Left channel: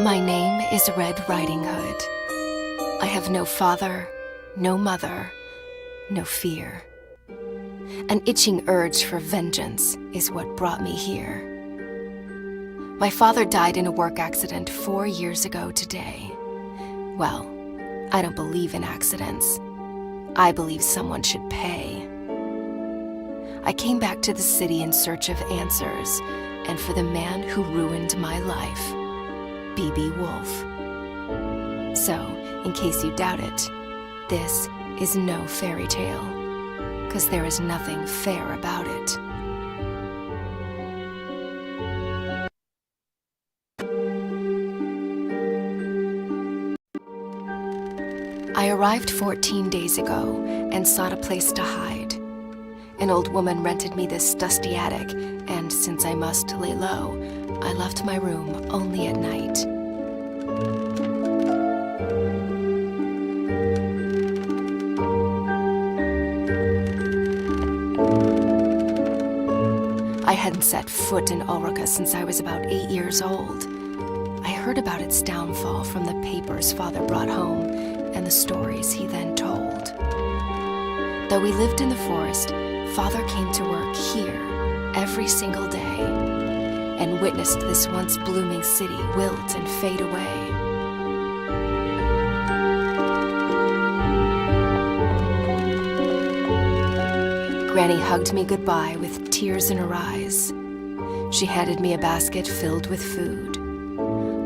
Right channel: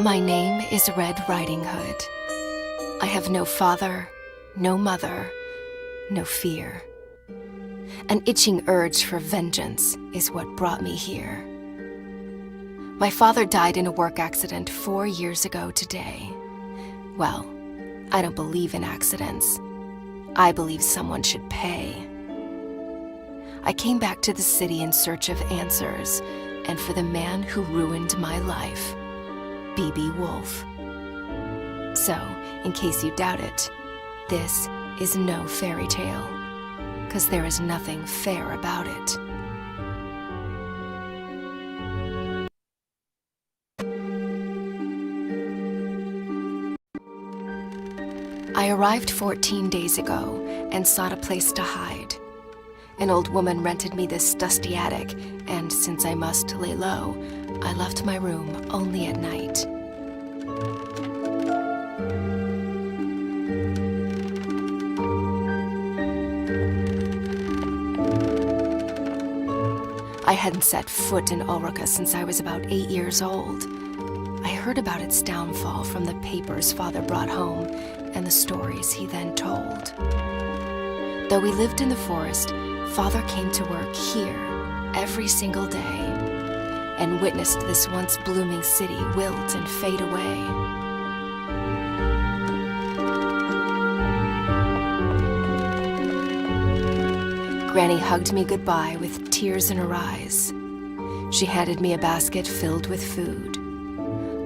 My name is Red Riding Hood. I have no father, no mother, no fear. An itching urge for vengeance is what brought me here. My father died in a work accident 4 years ago today. Well, I don't believe in accidents. I believe someone should pay. I came back to the city in search of answers, and for the man who ruined my life, B.B. Woolfe. So, in case you doubt it, this is no fairy tale, 'cause there is nothing fair about it. I arrived 14 days ago and sought a place to hide. An old woman rented me this dusty attic, and since I must lay low, I left my room only at night. I hadn't set foot in Ulrica since I was about 8 years old. I heard about its downfall from the papers Father brought home and the stories he then told. Though we lived in the forest, Father came to work here every single day and witnessed this once blooming city wilt and fade away. Granny hugged me goodbye with tears in her eyes. She handed me a basket filled with food.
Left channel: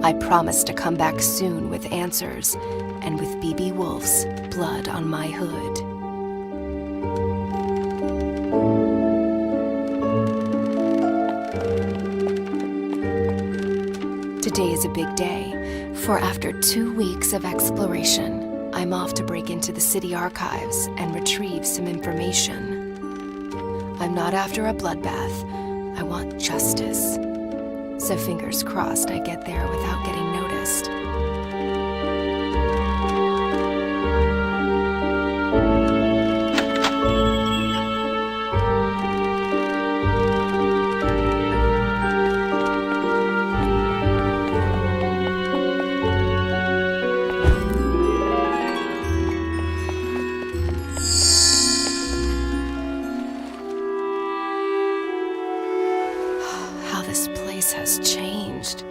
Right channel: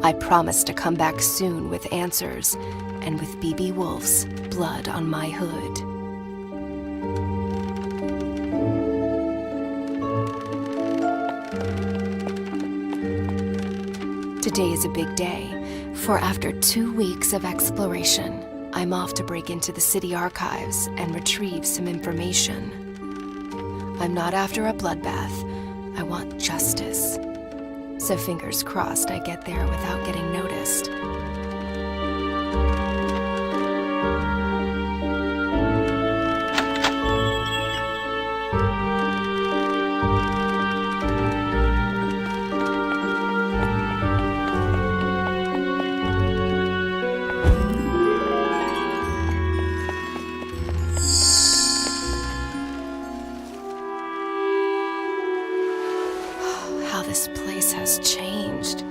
I promised to come back soon with answers and with B.B. Woolfe's blood on my hood. Today is a big day, for after 2 weeks of exploration, I'm off to break into the city archives and retrieve some information. I'm not after a bloodbath. I want justice. So fingers crossed I get there without getting noticed. How this place has changed.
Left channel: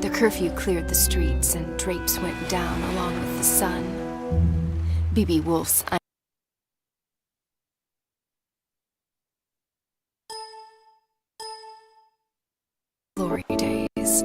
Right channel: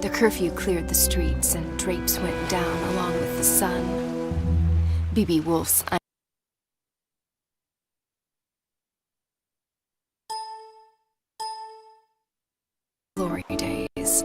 The curfew cleared the streets and drapes went down along with the sun. B.B. Woolfe's glory days.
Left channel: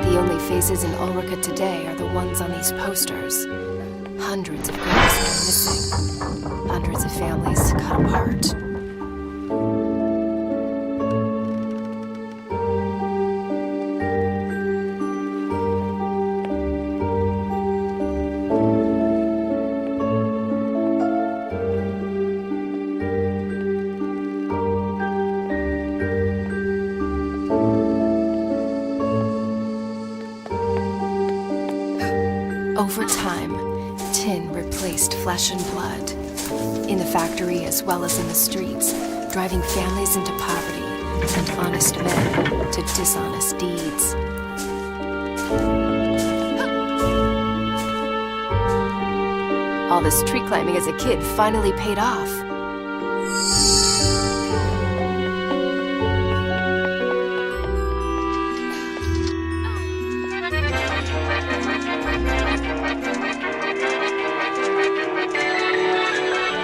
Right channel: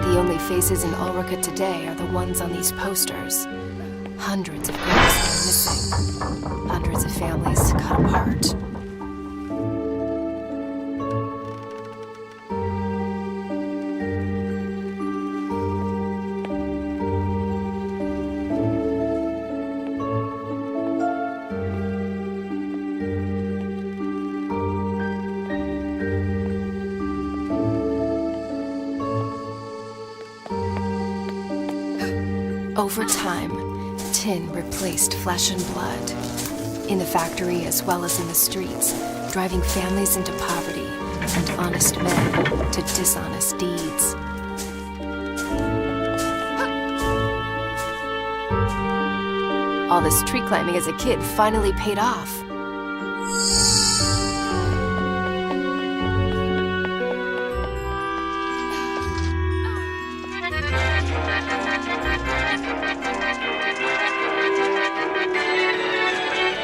The only faces in Ulrica today are the ones on these posters. Hundreds of girls are missing. Hundreds of families cut apart. Over time, tin replaced flesh and blood. In the factory as well as in the streets, driving families into poverty and honest men to dishonest deeds. All this tree climbing as a kid finally paid off.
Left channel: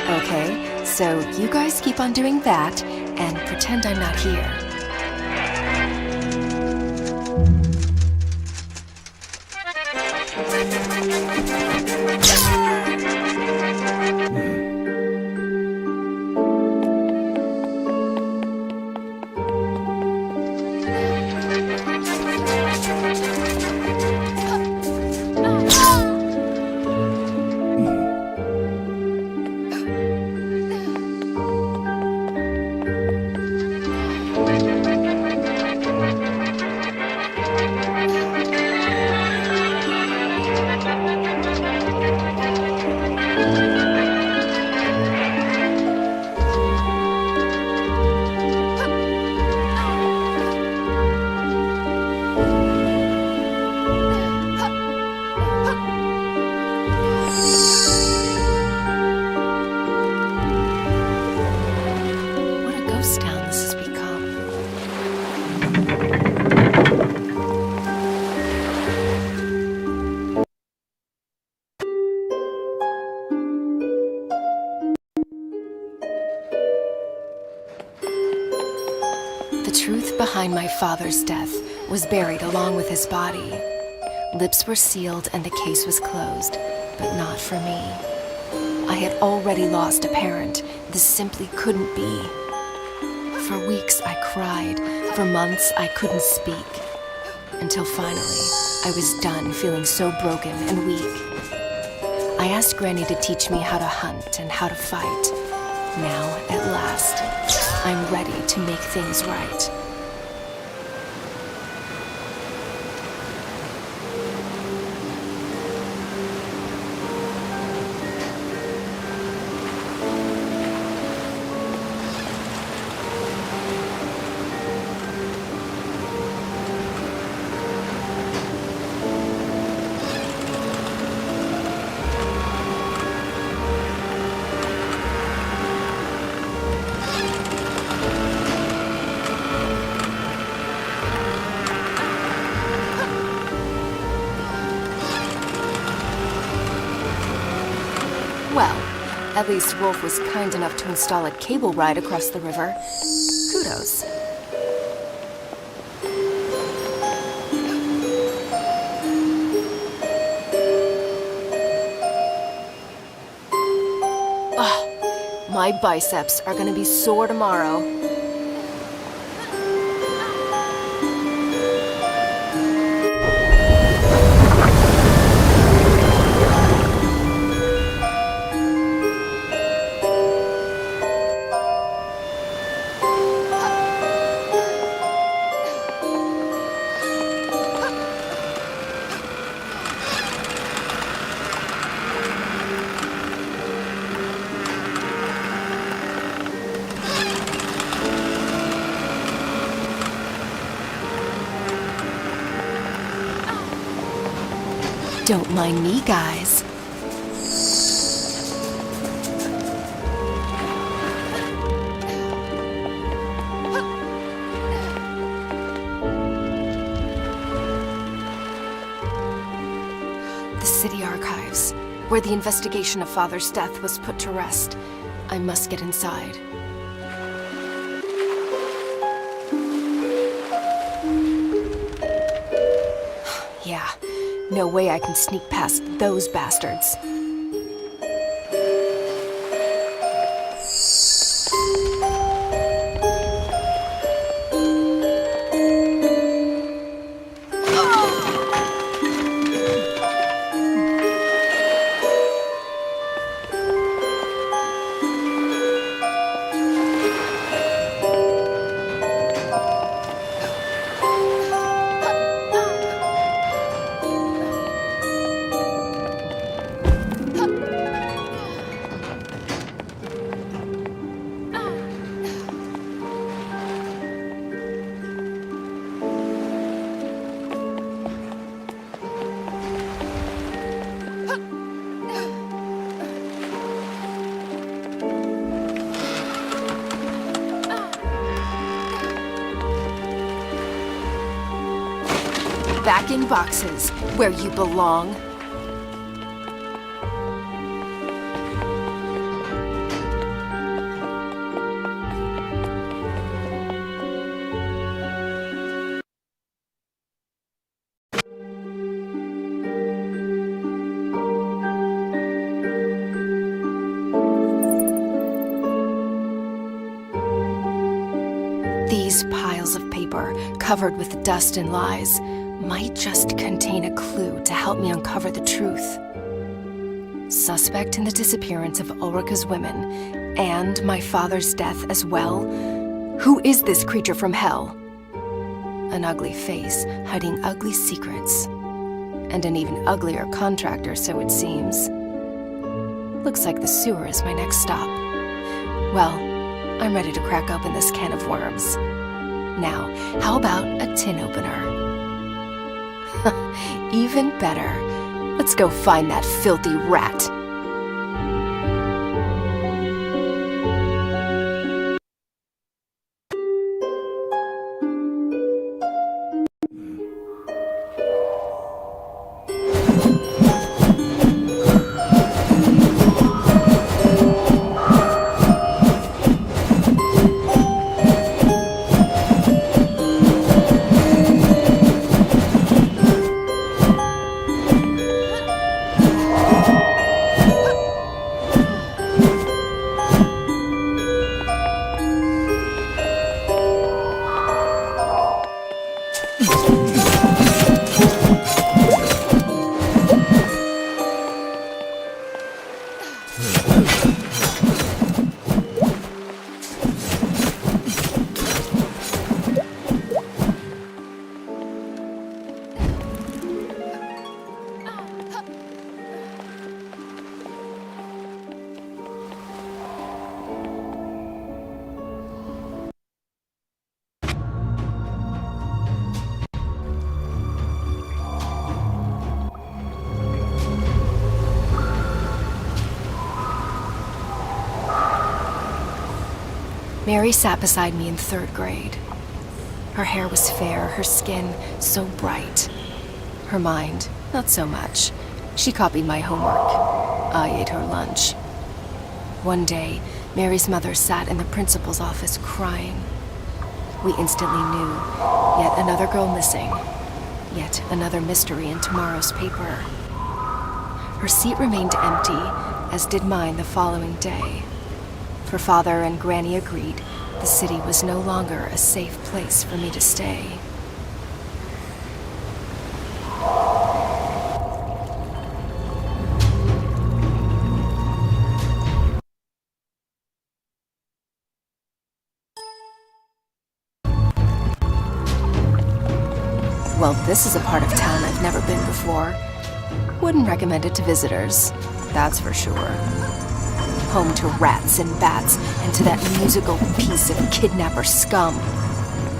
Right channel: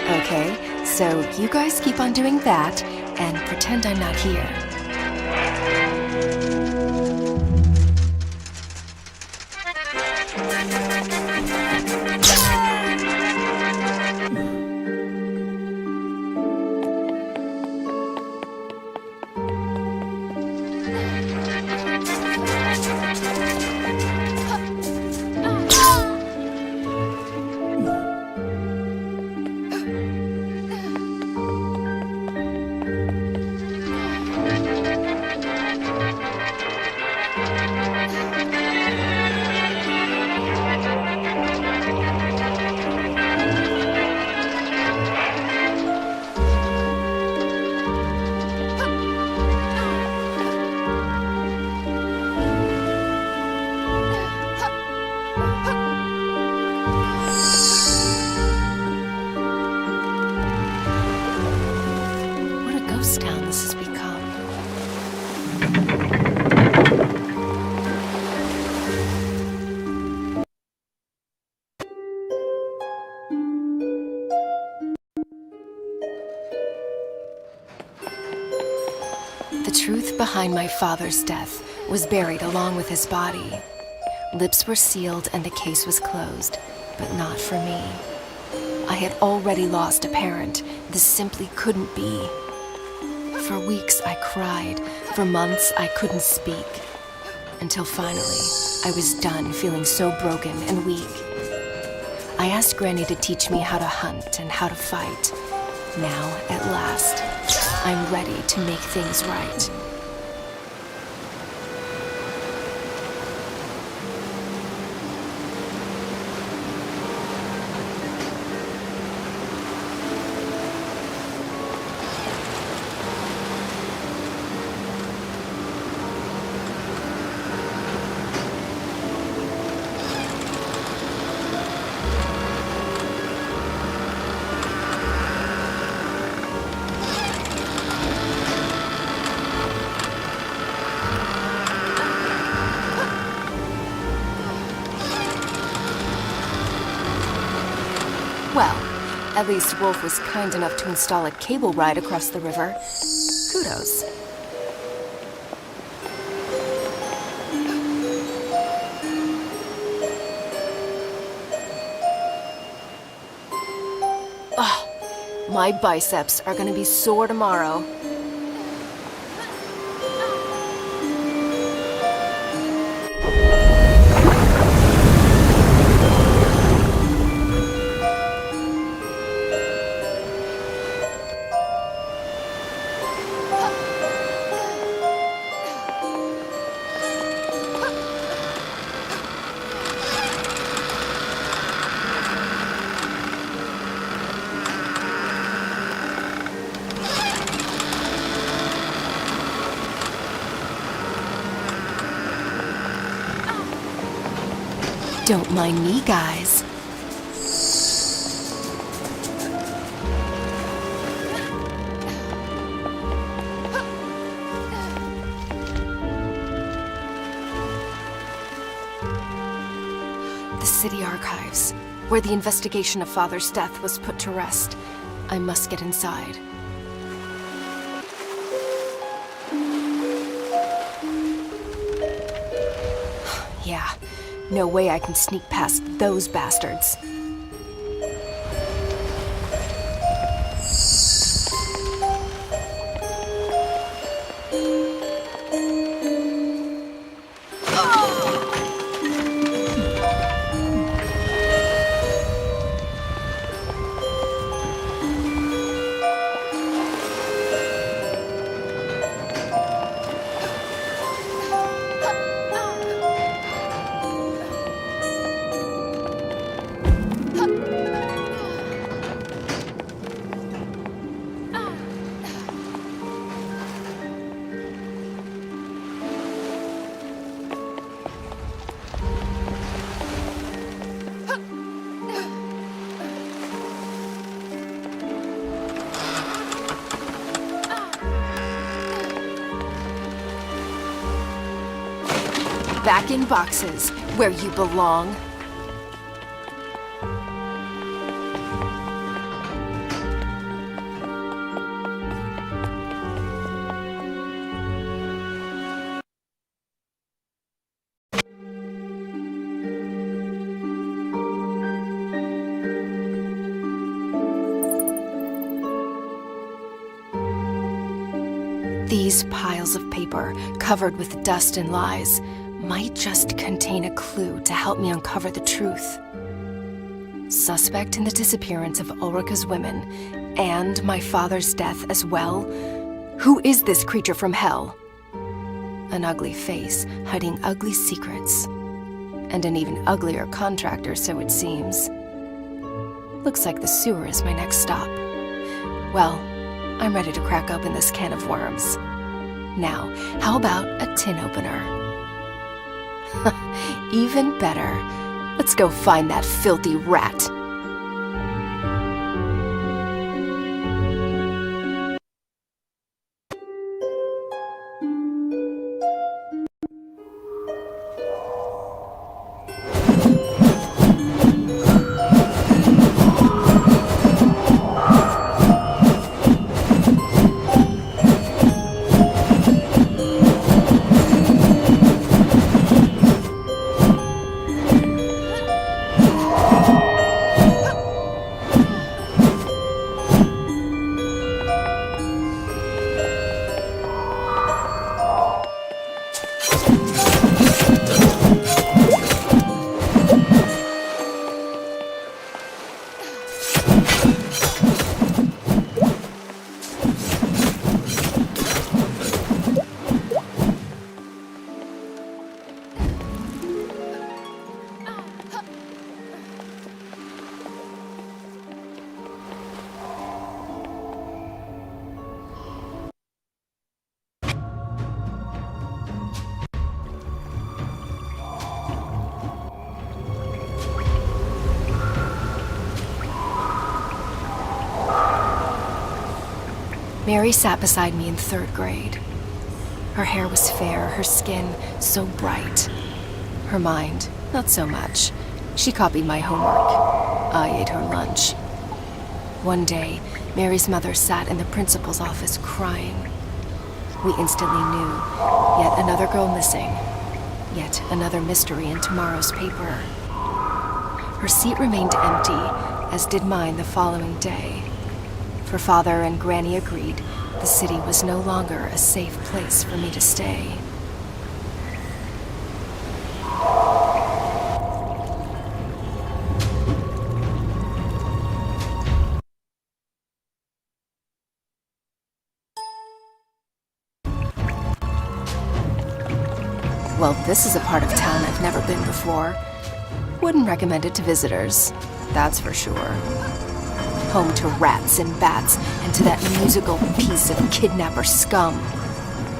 Okay, so you guys keep on doing that and pretend I'm not here. What a ghost town this has become. The truth behind my father's death was buried along with his body. Lips were sealed and the case was closed, but not for me. I had already lost a parent. This simply couldn't be. For weeks I cried. For months I couldn't speak. Until finally, I was done feeling so broken and weak. I asked Granny to teach me how to hunt and how to fight. Now, at last, I'm ready to make things right. Well, at least Woolfe was kind enough to install a cable ride across the river. Kudos. Oh, my biceps are gonna be sore tomorrow. Don't mind me, guys. The city archives, where the investigation of Father's death was put to rest. I must get inside. Yeah. No way I can sneak past those bastards. Back in boxes, where you belong. These piles of paper, covered with dust and lies, might just contain a clue to help me uncover the truth. Suspect in the disappearance of Ulrika's women, and my father's death as well, Who is this creature from hell? An ugly face, hiding ugly secrets. And an even uglier contractor, so it seems. Looks like the sewer is my next stop. Well, I'm ready to crack open this can of worms. Now, how about a tin opener? Even better. Let's go find that filthy rat. Mary sat beside me in 3rd grade. Her hair was fair, her skin so bright. Her mind, not so much. She copied my homework. I ate her lunch. One day, Mary's mother sat in the principal's office crying. We instantly knew, yet another girl missing. Yet another mystery in tomorrow's paper. Her seat remained empty, as did mine the following day. For Father and Granny agreed the city was no longer a safe place for me to stay. Well, this is a part of town I've never been before. Wouldn't recommend it to visitors, that's for sure. Home to rats and bats, and to that musical piece of kidnapper scum.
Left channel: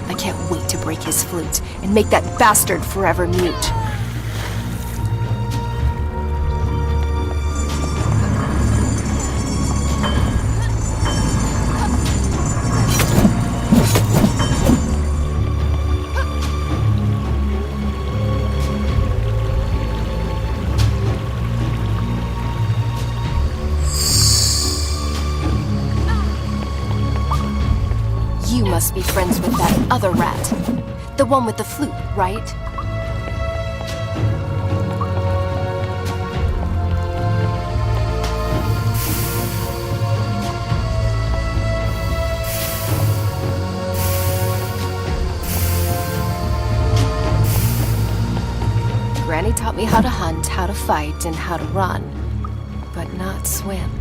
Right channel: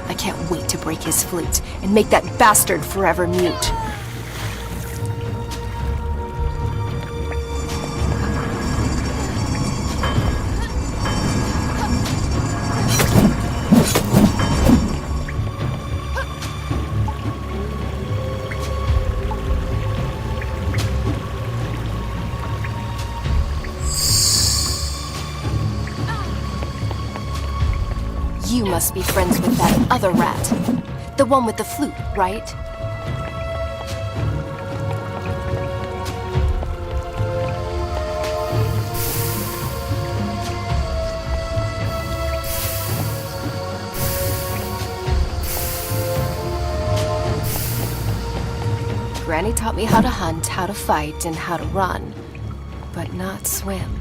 I can't wait to break his flute and make that bastard forever mute. You must be friends with that other rat. The one with the flute, right? Granny taught me how to hunt, how to fight, and how to run, but not swim.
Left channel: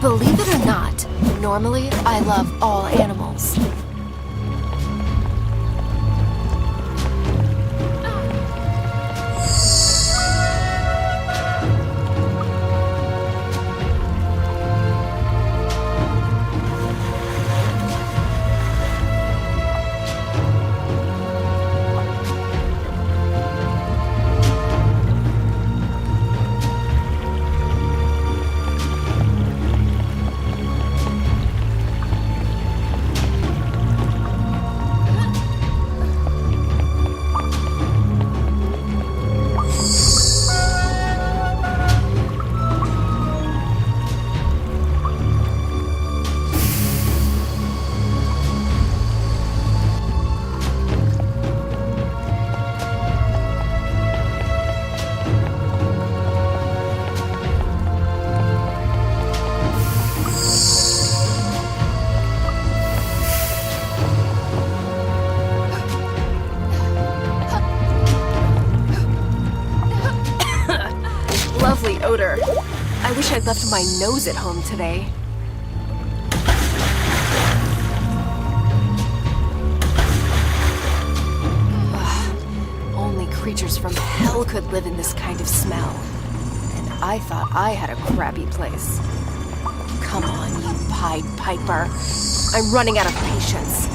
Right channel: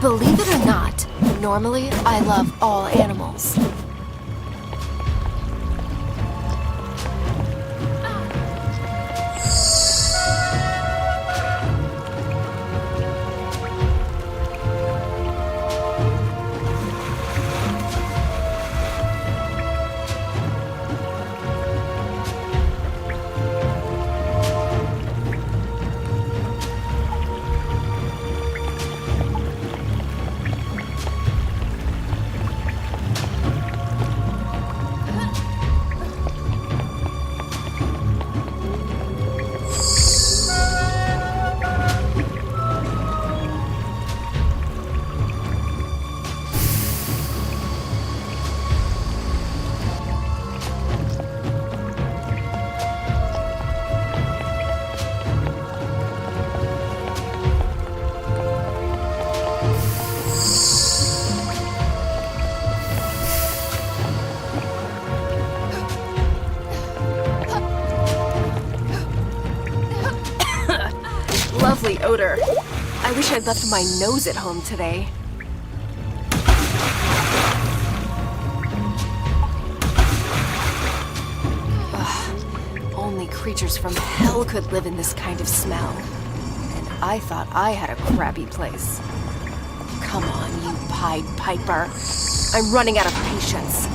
Believe it or not, normally I love all animals. lovely odor. I wish I'd left my nose at home today. Ugh, only creatures from hell could live in this kind of smell. And I thought I had a crappy place. Come on, you Pied Piper. I'm running out of patience.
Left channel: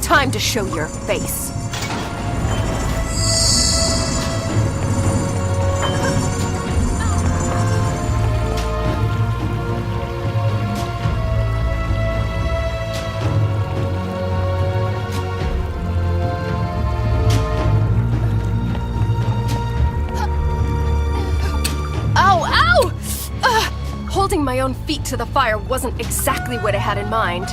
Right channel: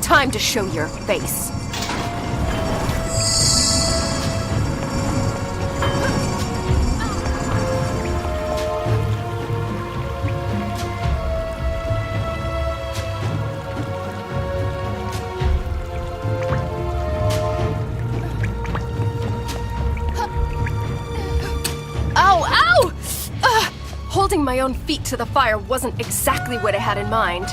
Time to show your face. Holding my own feet to the fire wasn't exactly what I had in mind.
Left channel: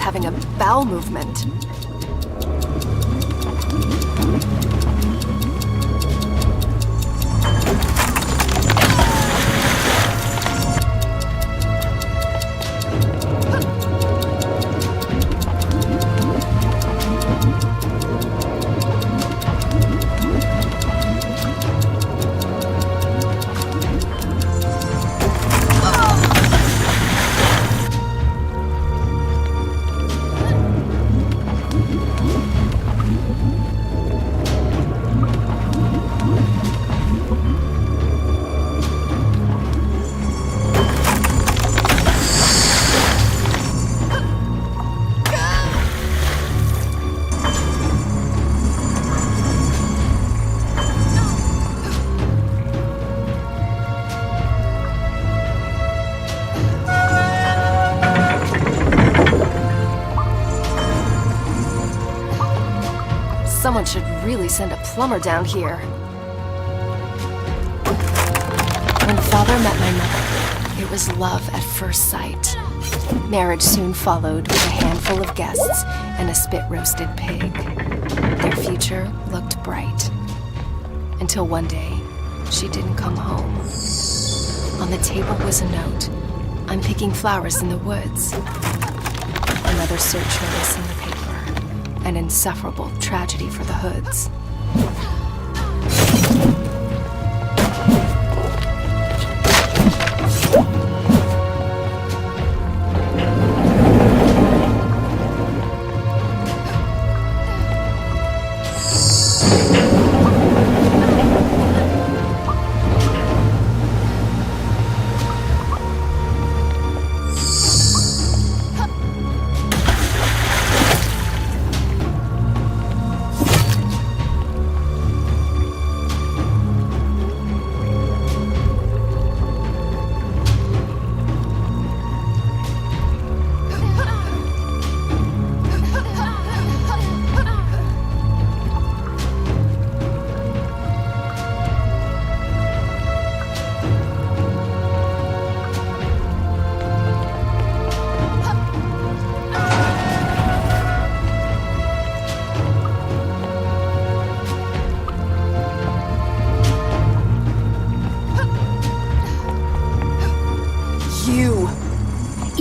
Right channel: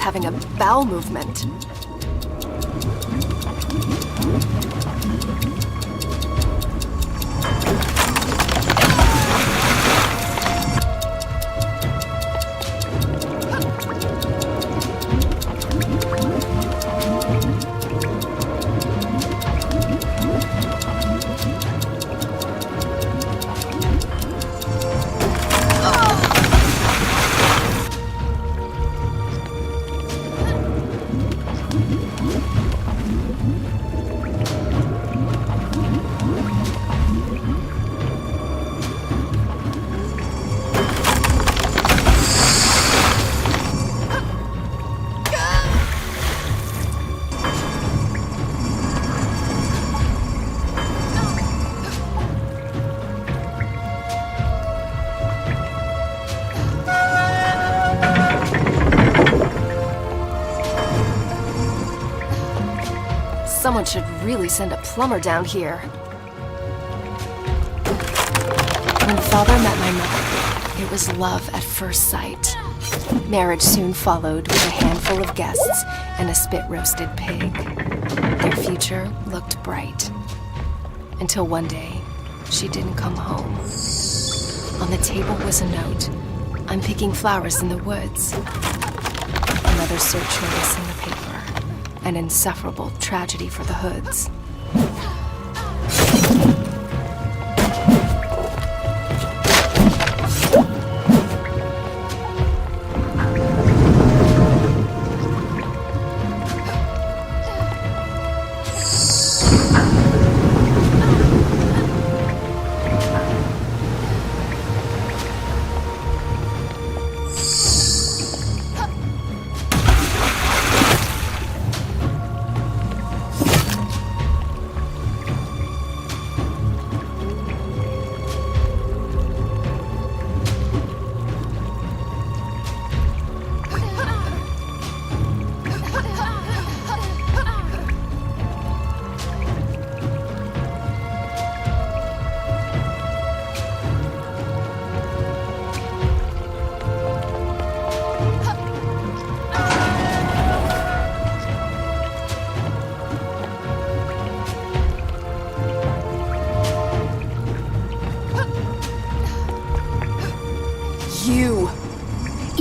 Having a bowel movement. Someone should really send a plumber down here. When Father met my mother, it was love at first sight. Marriage soon followed with a handful of guests and a spit-roasted pig. Their future looked bright. Until one day, she didn't come home. On the table was a note. I'm picking flowers in the woods. Another search notice in the paper. An insufferable tragedy for the Hoods.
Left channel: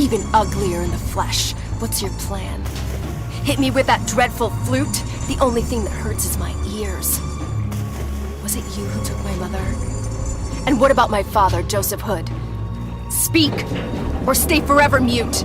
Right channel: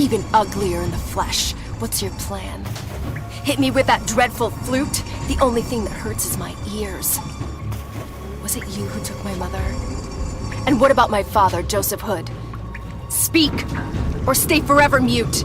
even uglier in the flesh. What's your plan? Hit me with that dreadful flute? The only thing that hurts is my ears. Was it you who took my mother? And what about my father, Joseph Hood? Speak, or stay forever mute.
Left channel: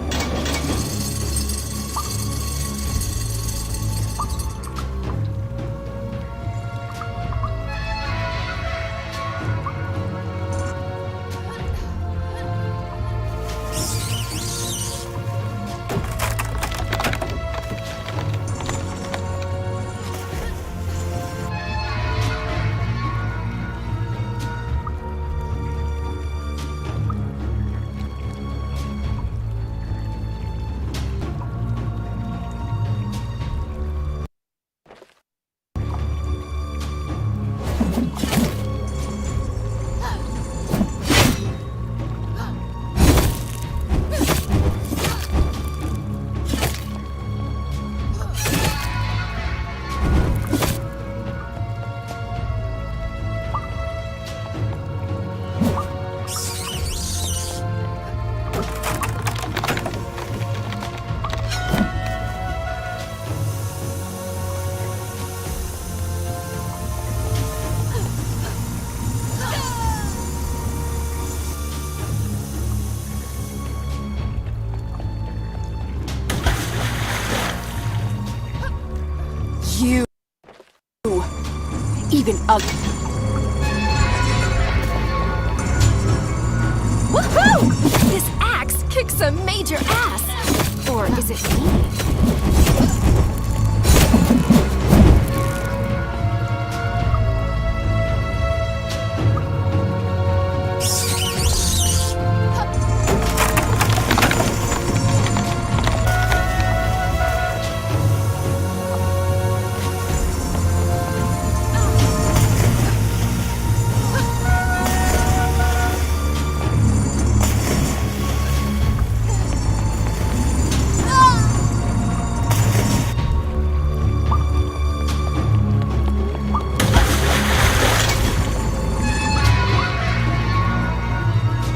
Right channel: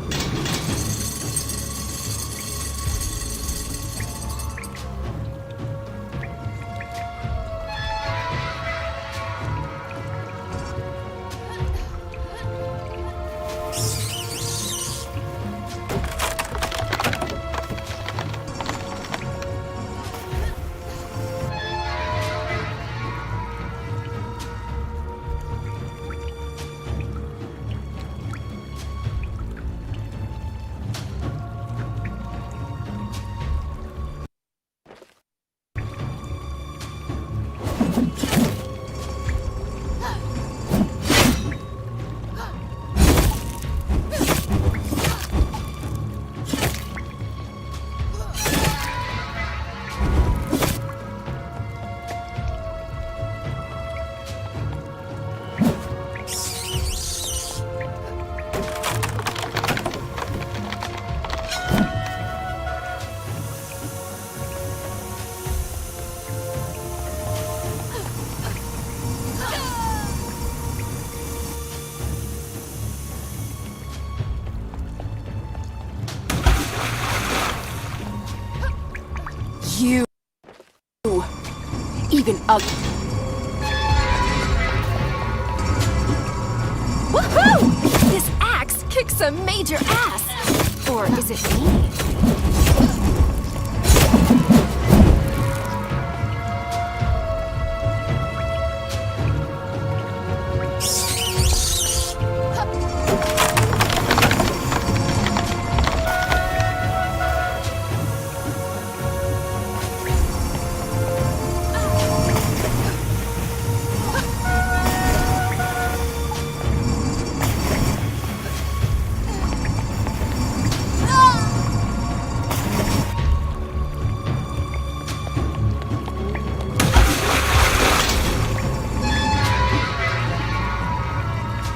You even ugly. Woohoo! This axe kicks a major ass. Or is it me?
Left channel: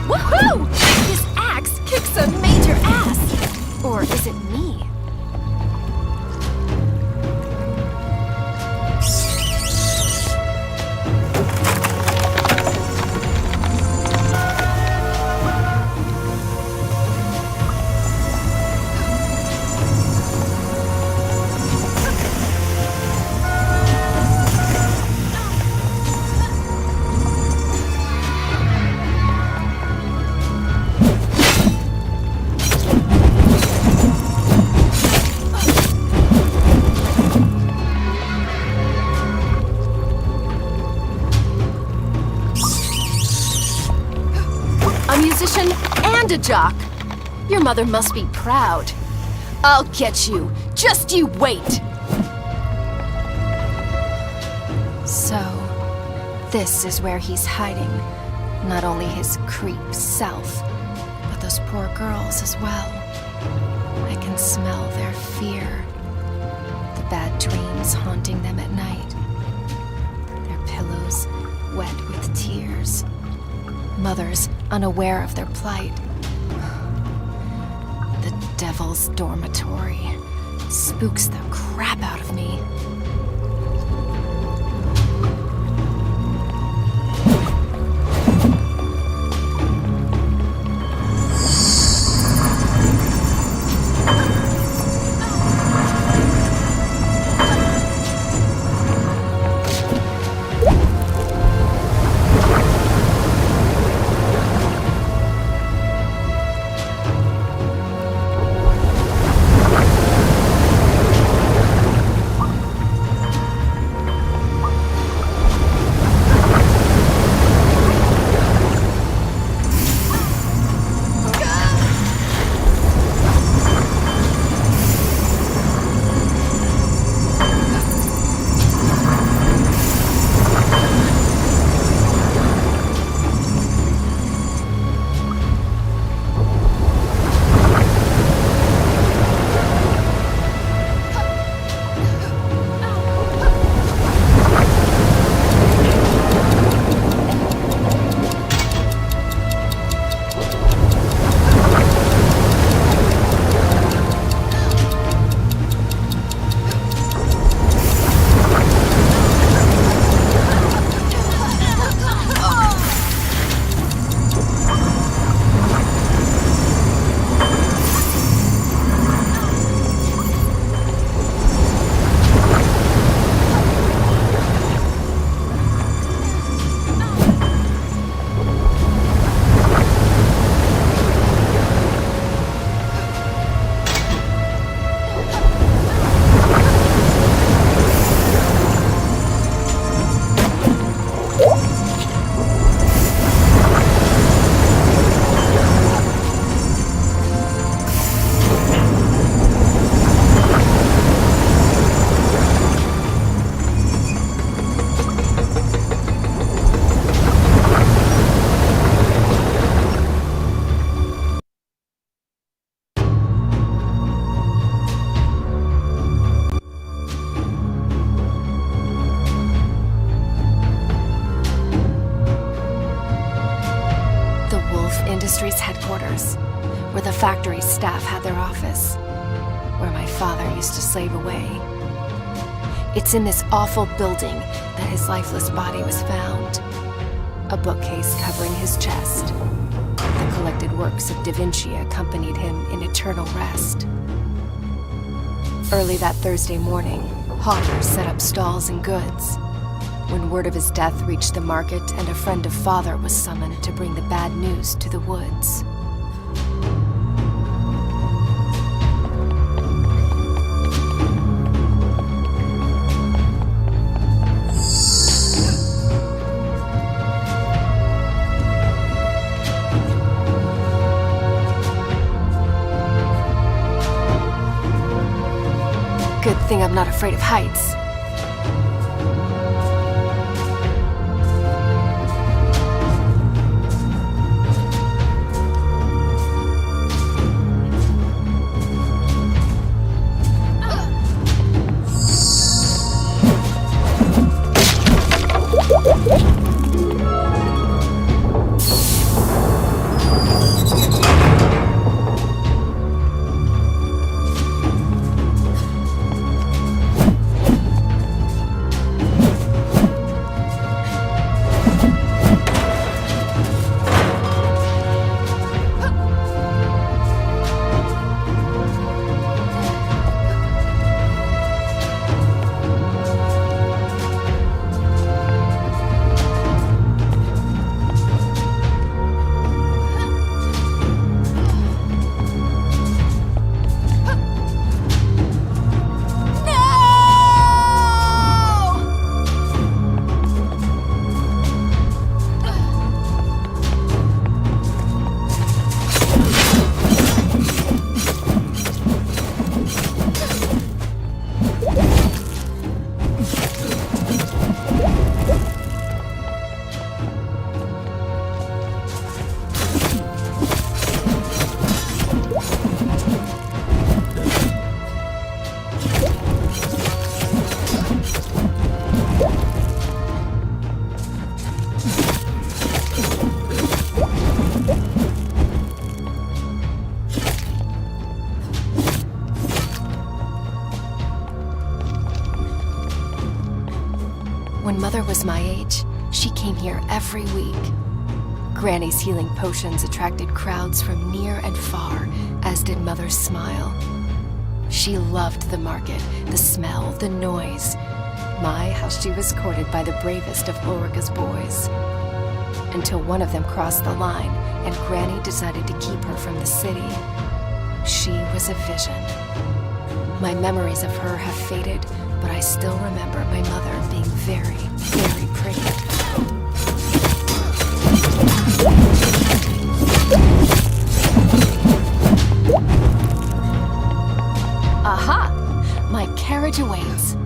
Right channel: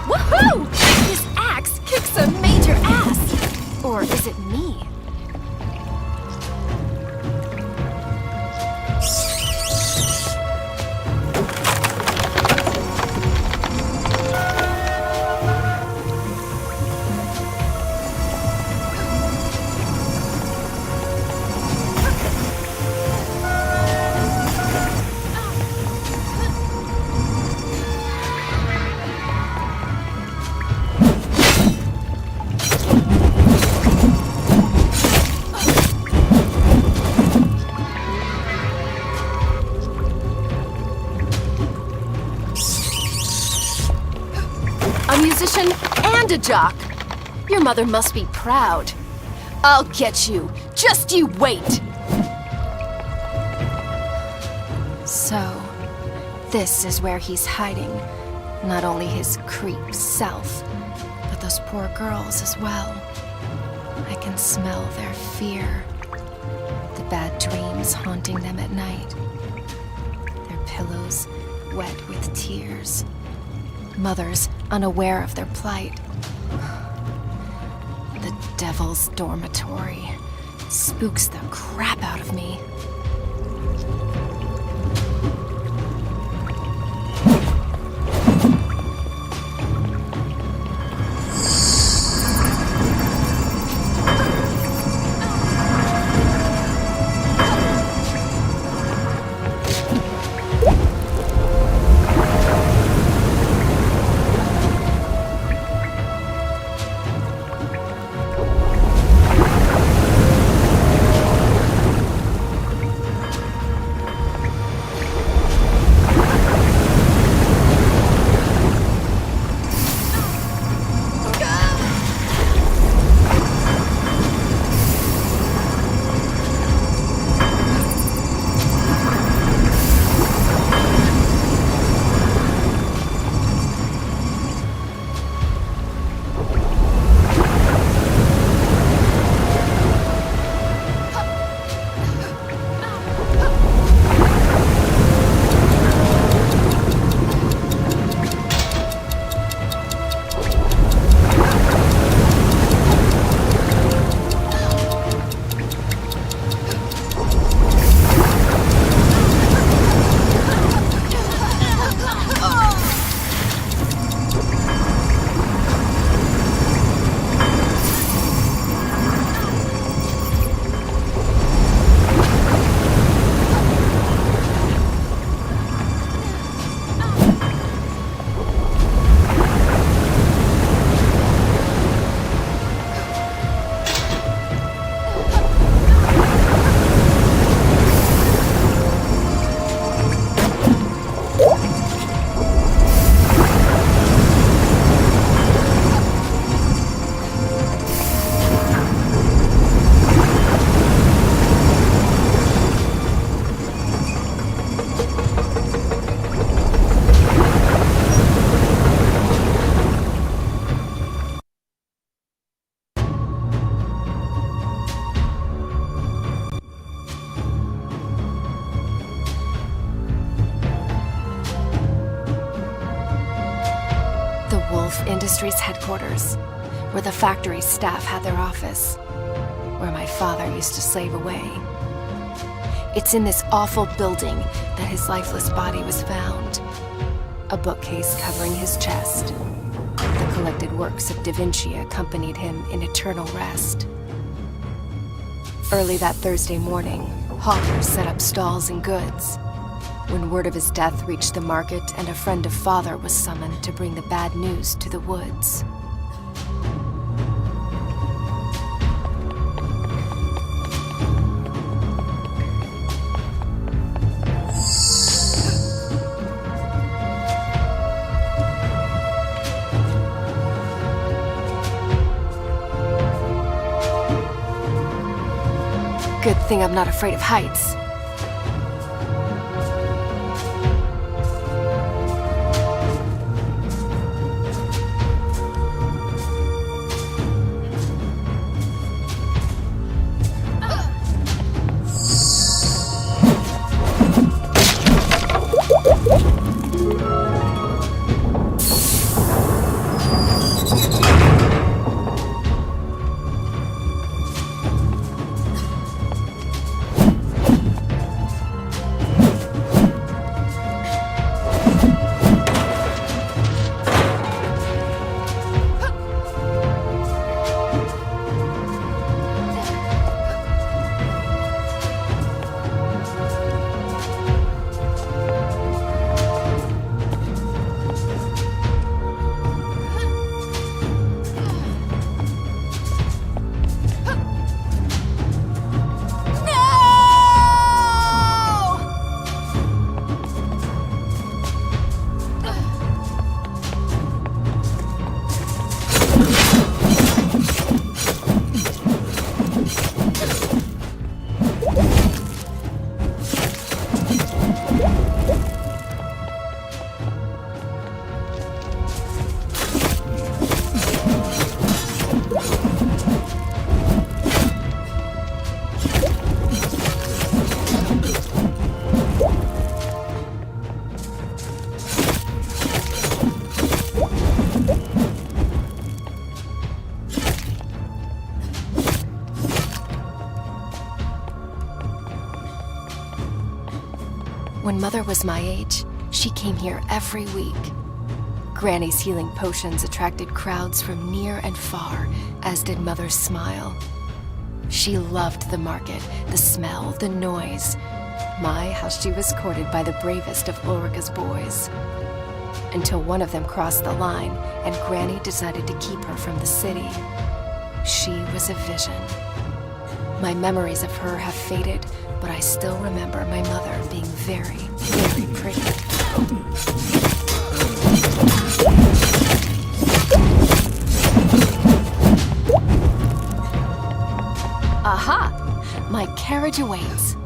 Woohoo! This axe kicks a major ass. Or is it me? A musician and a jock. Your mother must be proud. I'll get you. Just you wait. So, this is where he's hiding. Not only his creep self, but those poor girls as well. I can smell their fear. The bad dreams haunting them at night. Their pillows wet with tears. Mothers unaware of their plight. The devil's dormitory spooks the crap out of me. Woolfe Industries headquarters, where the factory staff had their office, where my father used to slave away. It's in this awful building that his lifeless body was found. A bookcase covering his chest. The collected works of Da Vinci accompanied him in eternal rest. Early that Thursday morning, hawkers set up stalls and goods. When word of his death reached the market and a friend of father was summoned to bring the bad news to the woods. Good thing I'm not afraid of heights. When Mother was my age, she came here every week. Granny's healing potions attracted crowds from near and far, as did Mother's smile. She loved the market, the smell, the noise. My, how she was courted by the bravest of Ulrika's boys. Until one of them crossed the line, and Granny decided to keep her from the city. She was a vision. My memories of her have faded, but I still remember my mother being very, very pretty. Aha! My carriage awaits.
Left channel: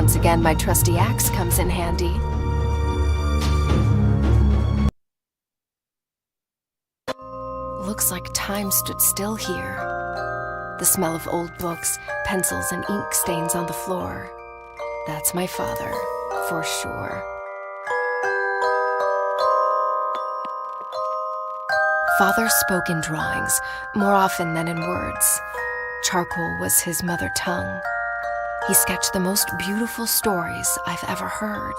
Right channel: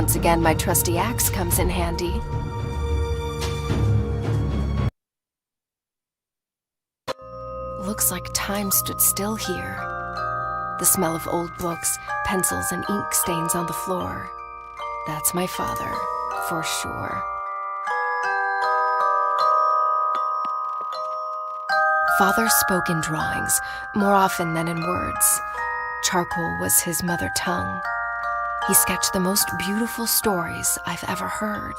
Once again, my trusty axe comes in handy. Looks like time stood still here. The smell of old books, pencils, and ink stains on the floor. That's my father, for sure. Father spoke in drawings, more often than in words. Charcoal was his mother tongue. He sketched the most beautiful stories I've ever heard.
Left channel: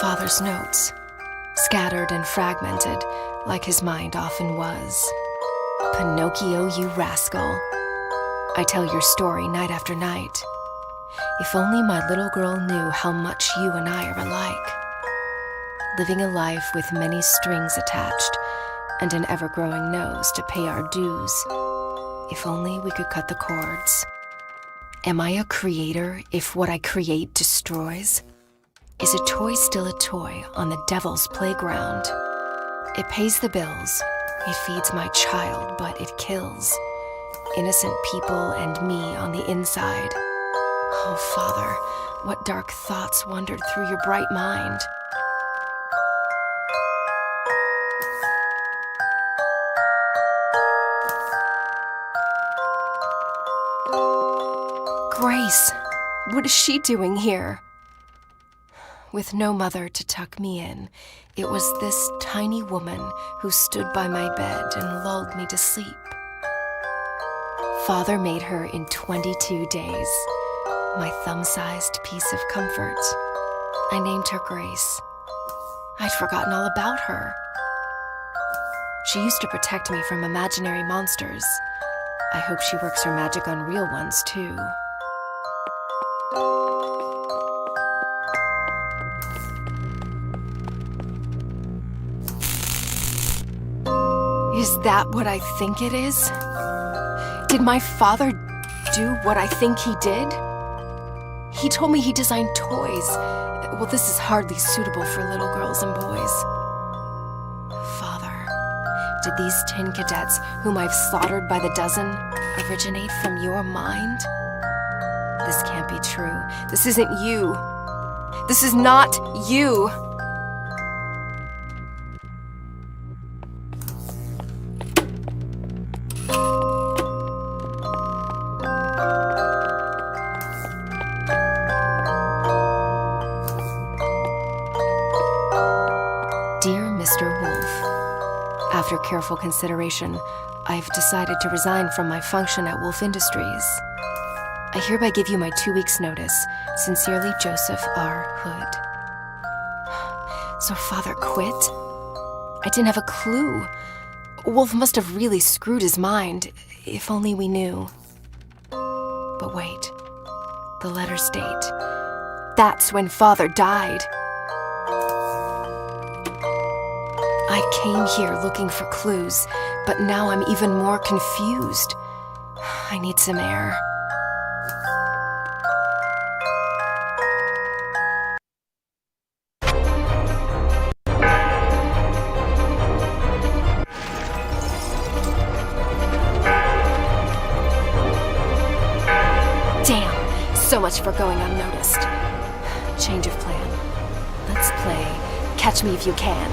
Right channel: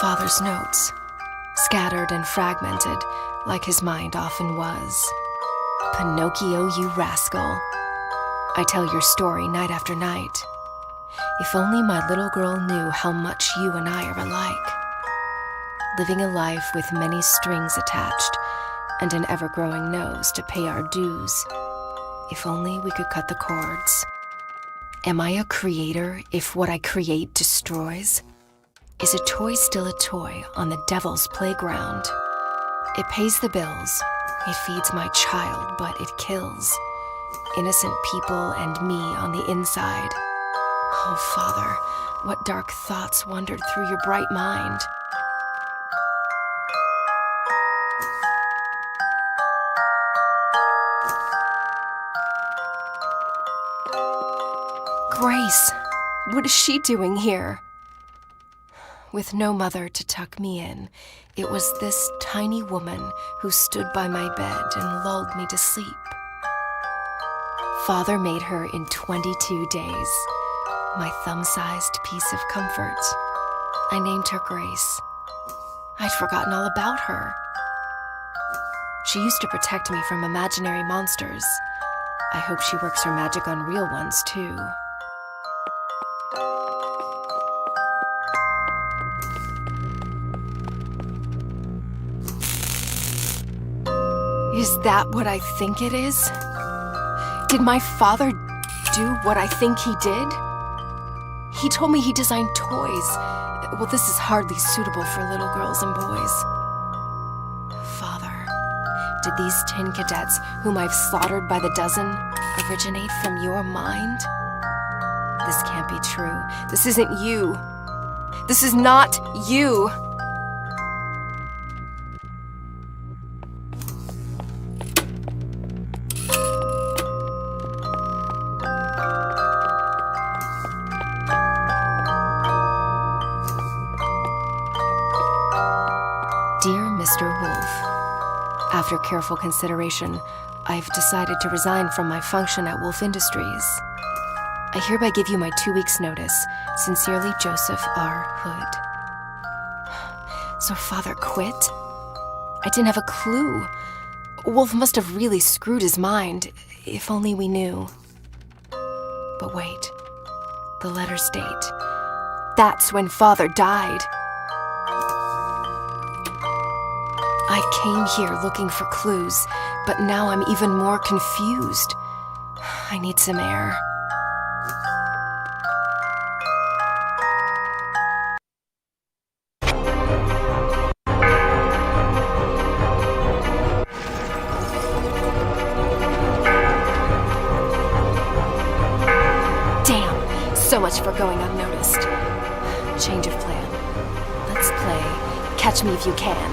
Father's notes, scattered and fragmented, like his mind often was. Pinocchio, you rascal. I tell your story night after night. If only my little girl knew how much you and I are alike. Living a life with many strings attached and an ever-growing nose to pay our dues. If only we could cut the cords. Am I a creator if what I create destroys? Is a toy still a toy on the devil's playground? It pays the bills, it feeds my child, but it kills innocent people and me on the inside. Oh, Father, what dark thoughts wandered through your bright mind? Grace, what is she doing here? With no mother to tuck me in, it was this tiny woman who stood by my bed and lulled me to sleep. Father made her in 22 days, my thumb-sized piece of comfort. I named her Grace. I'd forgotten all about her. She used to protect me from imaginary monsters. I hope she works her magic on real ones, too. Is that what I think it is? Did my father do what I think he did? He told me he designed toys. Well, this is hardly suitable for little girls and boys. Father, did these tin cadets, whom I've slaughtered by the dozen, originate from your mind? This can't be true. This isn't you. This is not you. Dear Mr. Woolfe, after careful consideration, I've decided to resign from my function at Woolfe Industries. I hereby give you my 2 weeks' notice. Sincerely, Joseph R. Hood. So Father quit? I didn't have a clue. Woolfe must have really screwed his mind, if only we knew. But wait, the letters date. That's when Father died. I came here looking for clues, but now I'm even more confused. I need some air. Damn, so much for going unnoticed. Change of plan. Let's play Catch Me If You Can.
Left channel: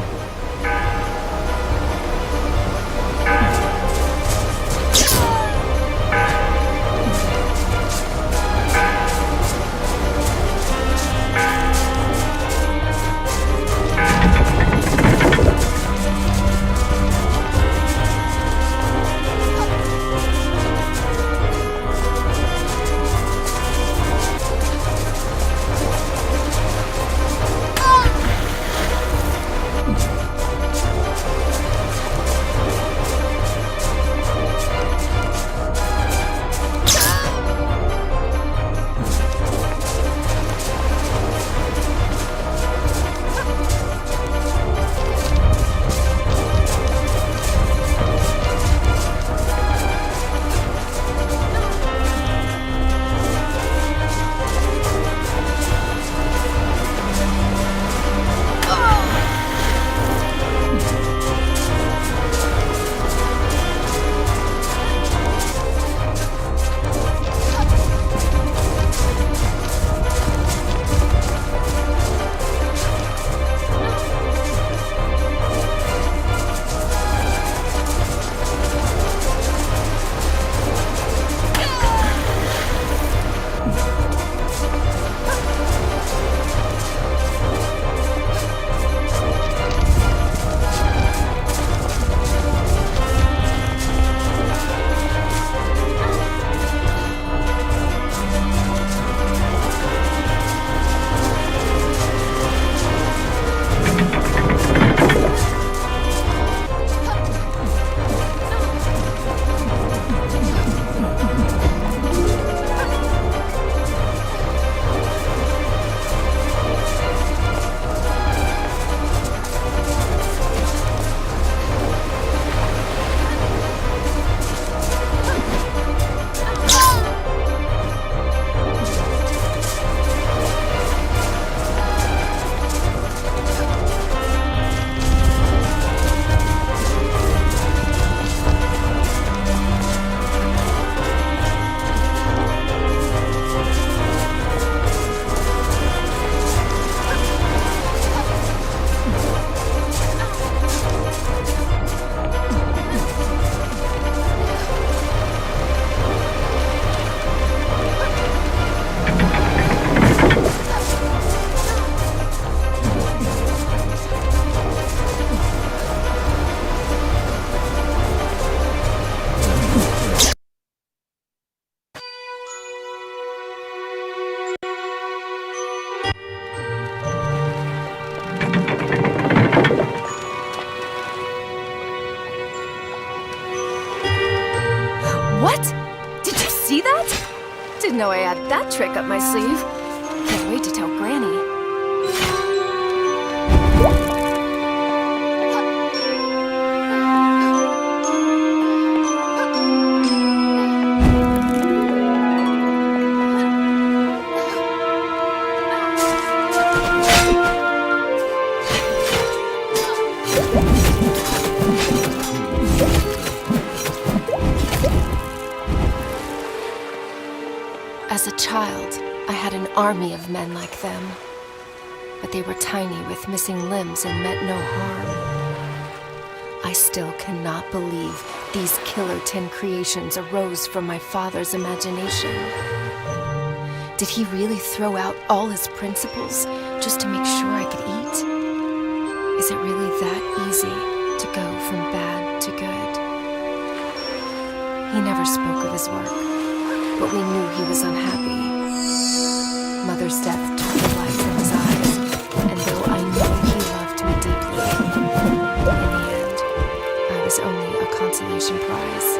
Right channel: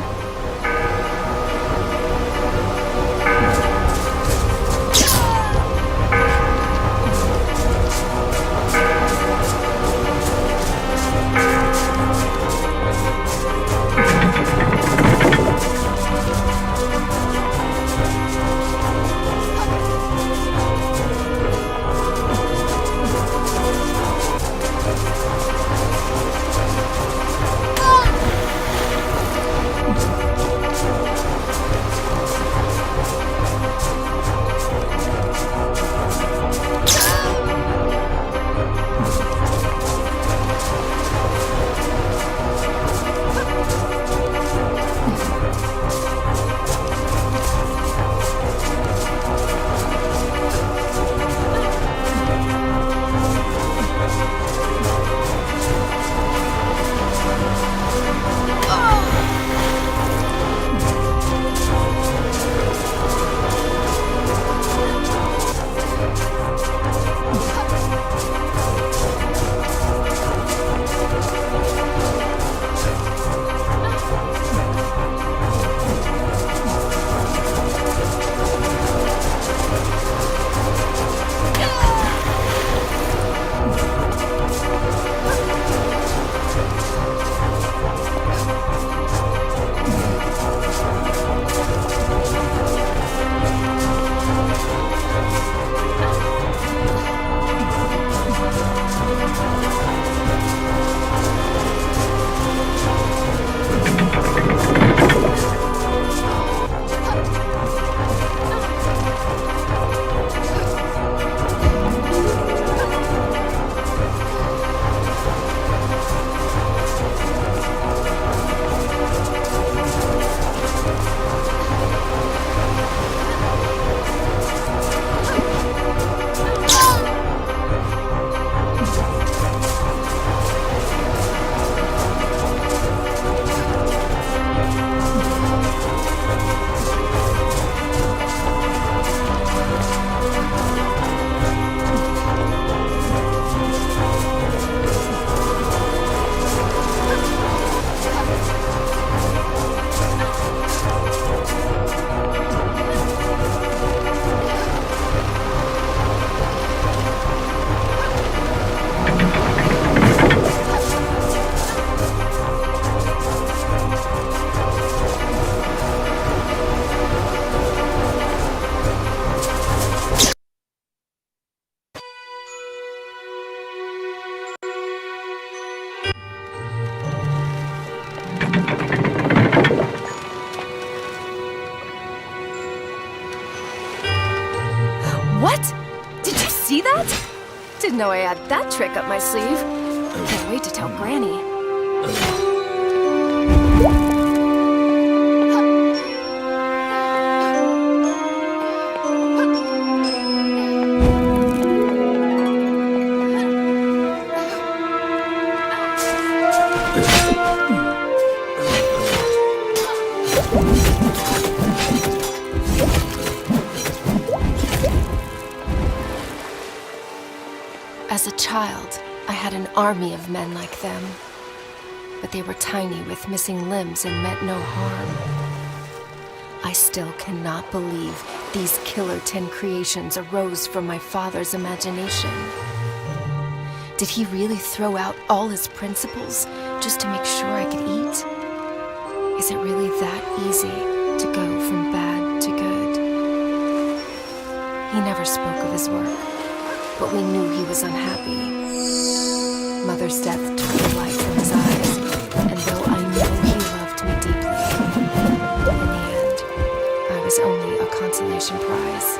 What? Did you see that? Didn't know I had that trick up my sleeve. Can't wait to tell Granny. As a child, I had an army of men like them. But they were tiny with missing limbs and meant no harm. I still cannot believe these killer tin creations arose from my father's imagination. Did he really throw out all his principles just to make sure I could eat? Is it really that easy to go from bad to good? He never spoke of his work, but we knew he was unhappy. Mother's death took the light from his eyes, and though I know he loved me deeply, in the end, I was only a consolation prize.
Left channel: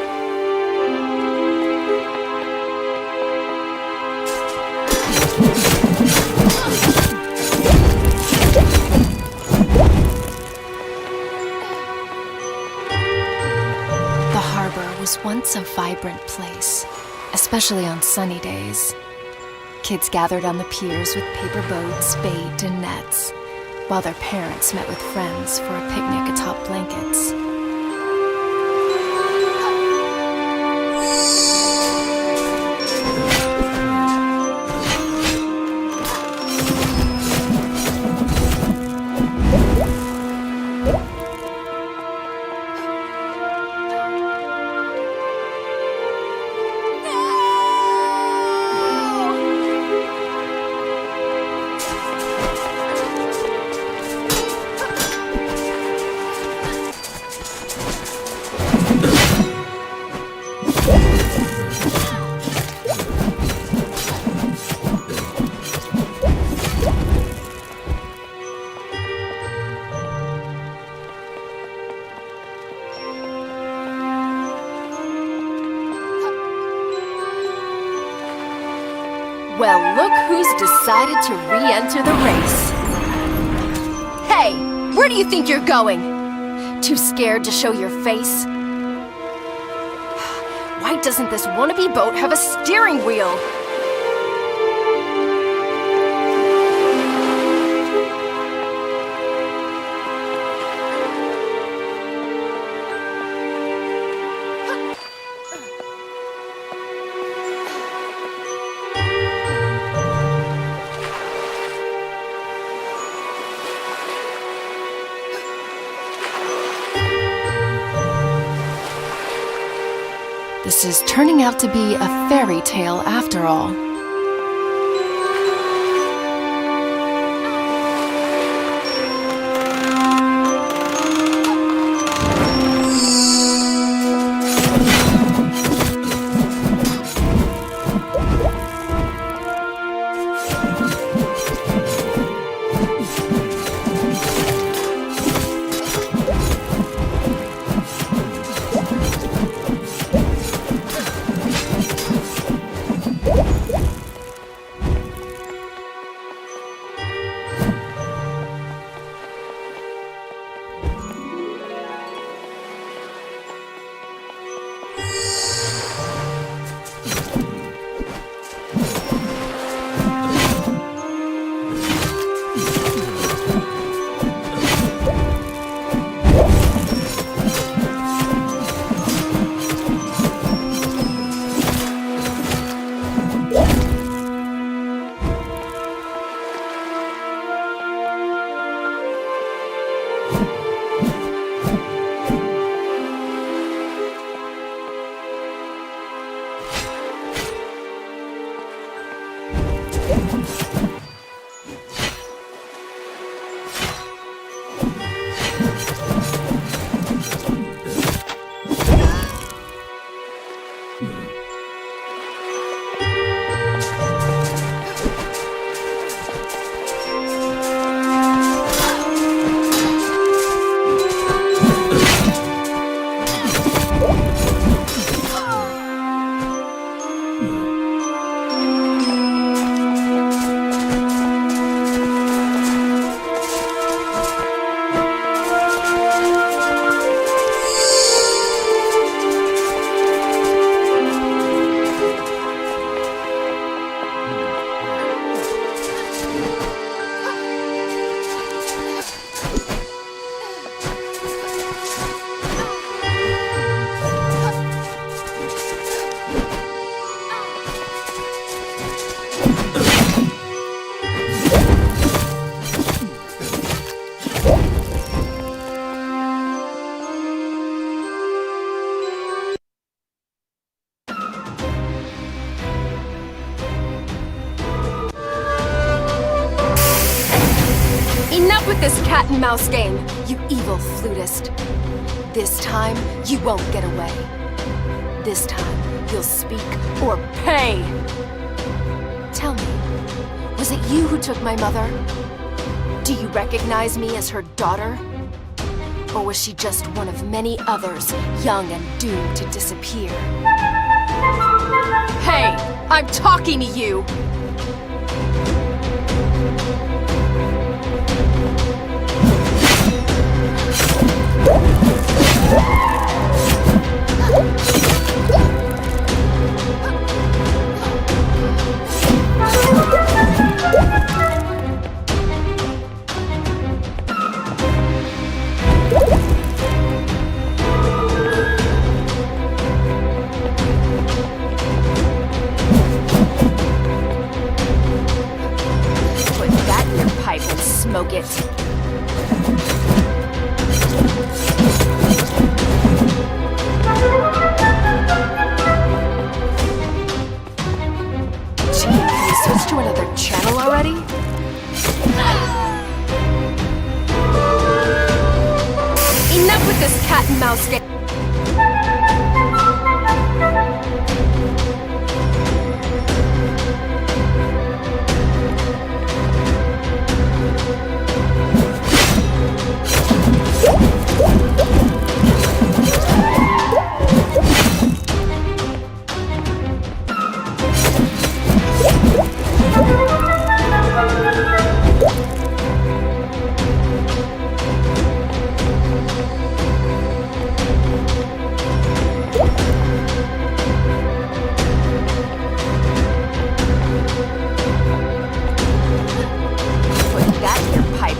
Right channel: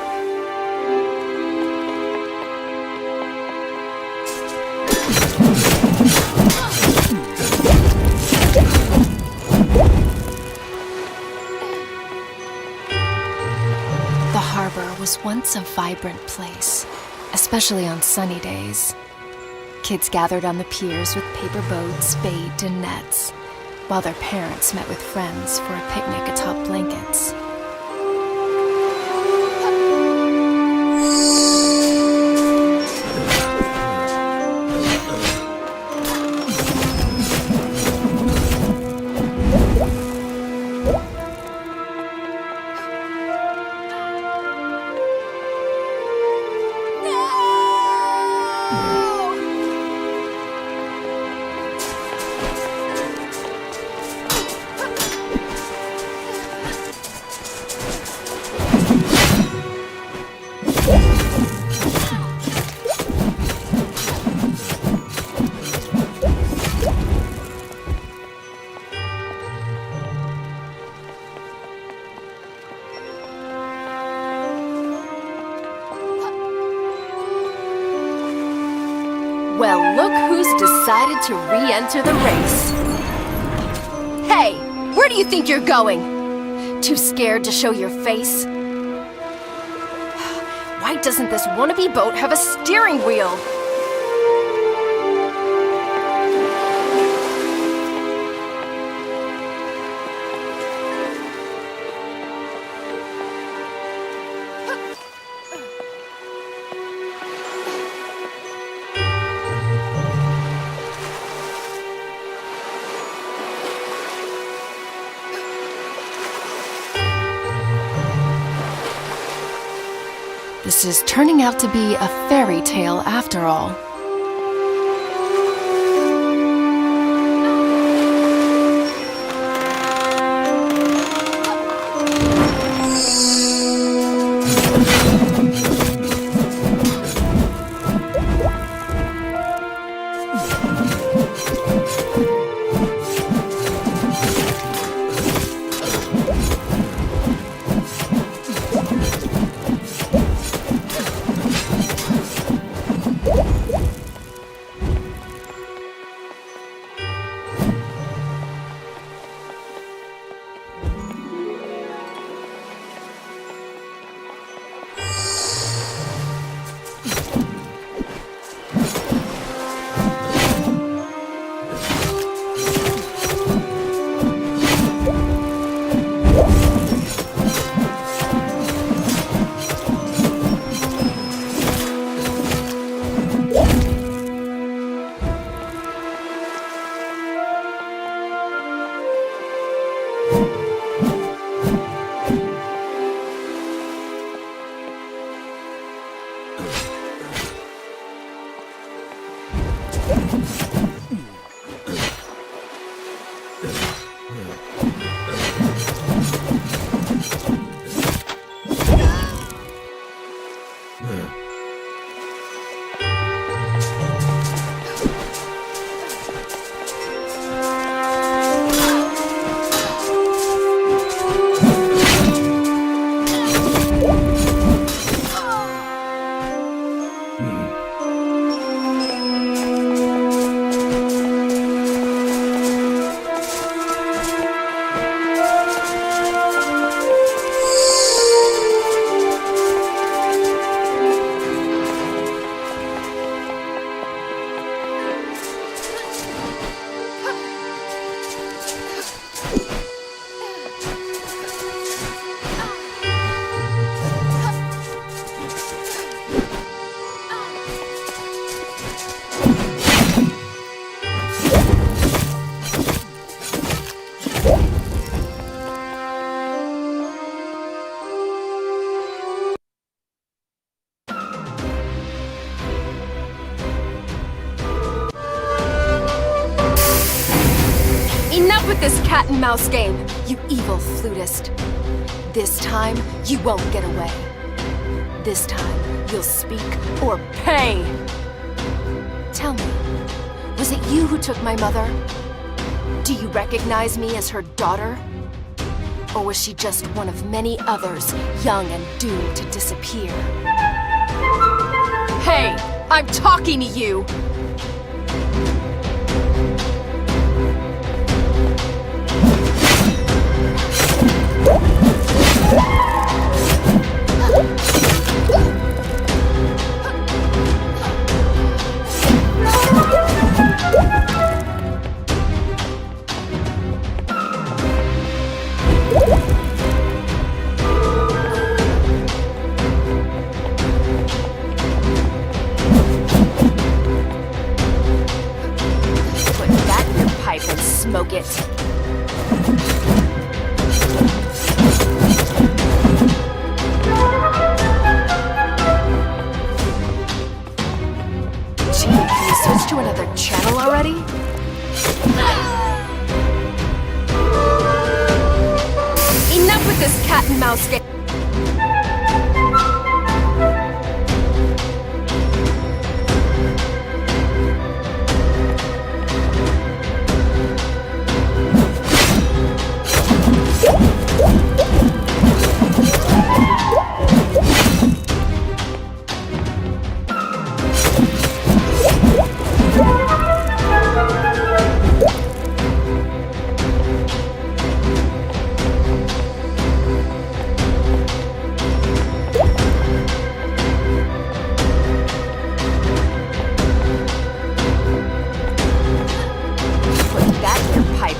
The harbor was once a vibrant place, especially on sunny days. Kids gathered on the piers with paper boats, bait, and nets, while their parents met with friends for a picnic atop blankets. Well, look who's decided to re-enter the race. Hey, where do you think you're going? Too scared to show your face? Why doesn't this wannabe boat have a steering wheel? This is turning out to be a fairy tale after all. Enough with this cat and mouse game, you evil flutist. This time, you won't get away. This time, you'll speak or pay. Tell me, was it you who took my mother? Do you recognize me as her daughter? Or was she just one of many others, young and doomed to disappear? Hey, I'm talking to you! And smoke it. Gee, can you switch to another channel already? Enough with this cat and mouse game.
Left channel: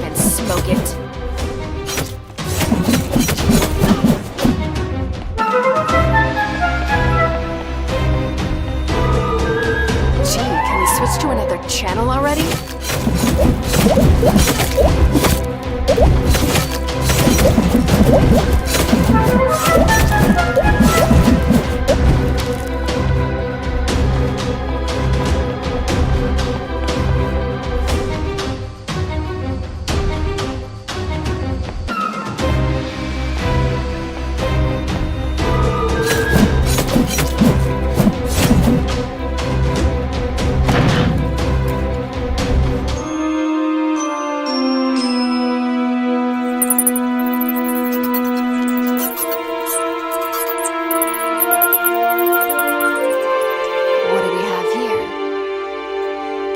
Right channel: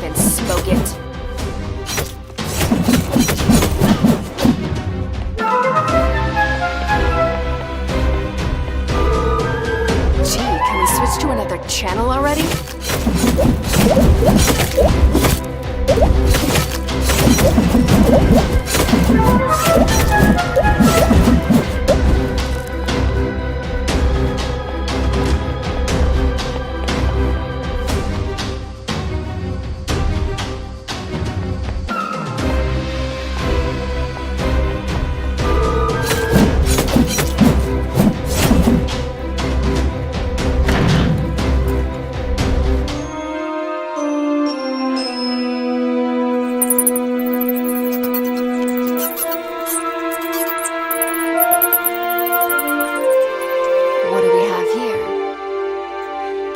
And smoke it. Gee, can we switch to another channel already?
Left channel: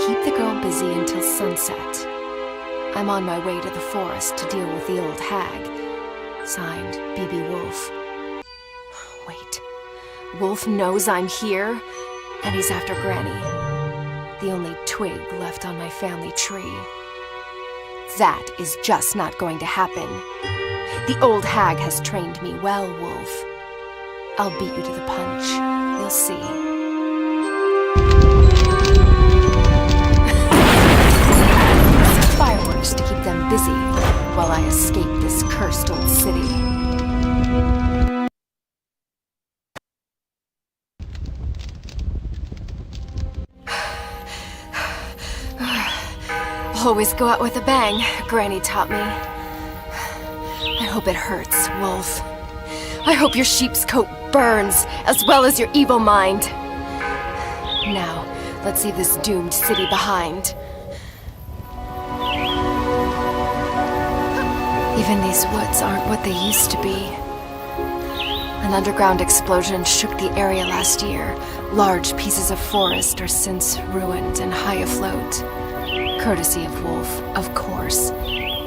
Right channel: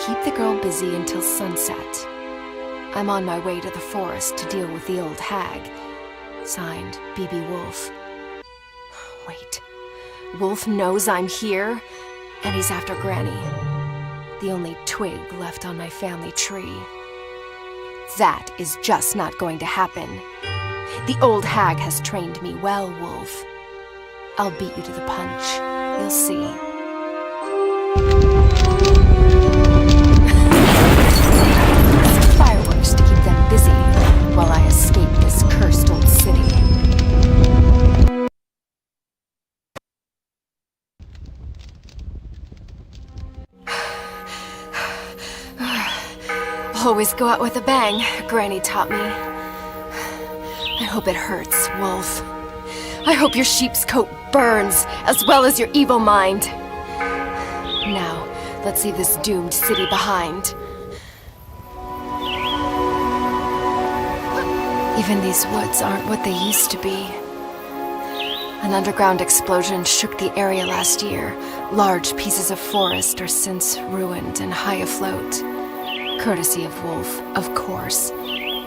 Keep the girl busy until sunset. I'm on my way to the forest to deal with the old hag. Signed, B.B. Woolfe. Wait. Woolfe knows I'm here, and he's after Granny. The only twig left on my family tree. That is just not going to happen. The old hag has trained me well, Woolfe. I'll beat you to the punch. You'll see. Fireworks to keep them busy while I escape this cursed old city. Always go out with a bang, Granny taught me. I hope it hurts, Woolfe. I hope your sheep's coat burns, as well as your evil mind. Now, let's leave this doomed city behind. Even these woods aren't what they used to be. An underground explosion shook the area last year. Large pieces of forest are since ruined and high afloat. Courtesy of Woolfe, of course.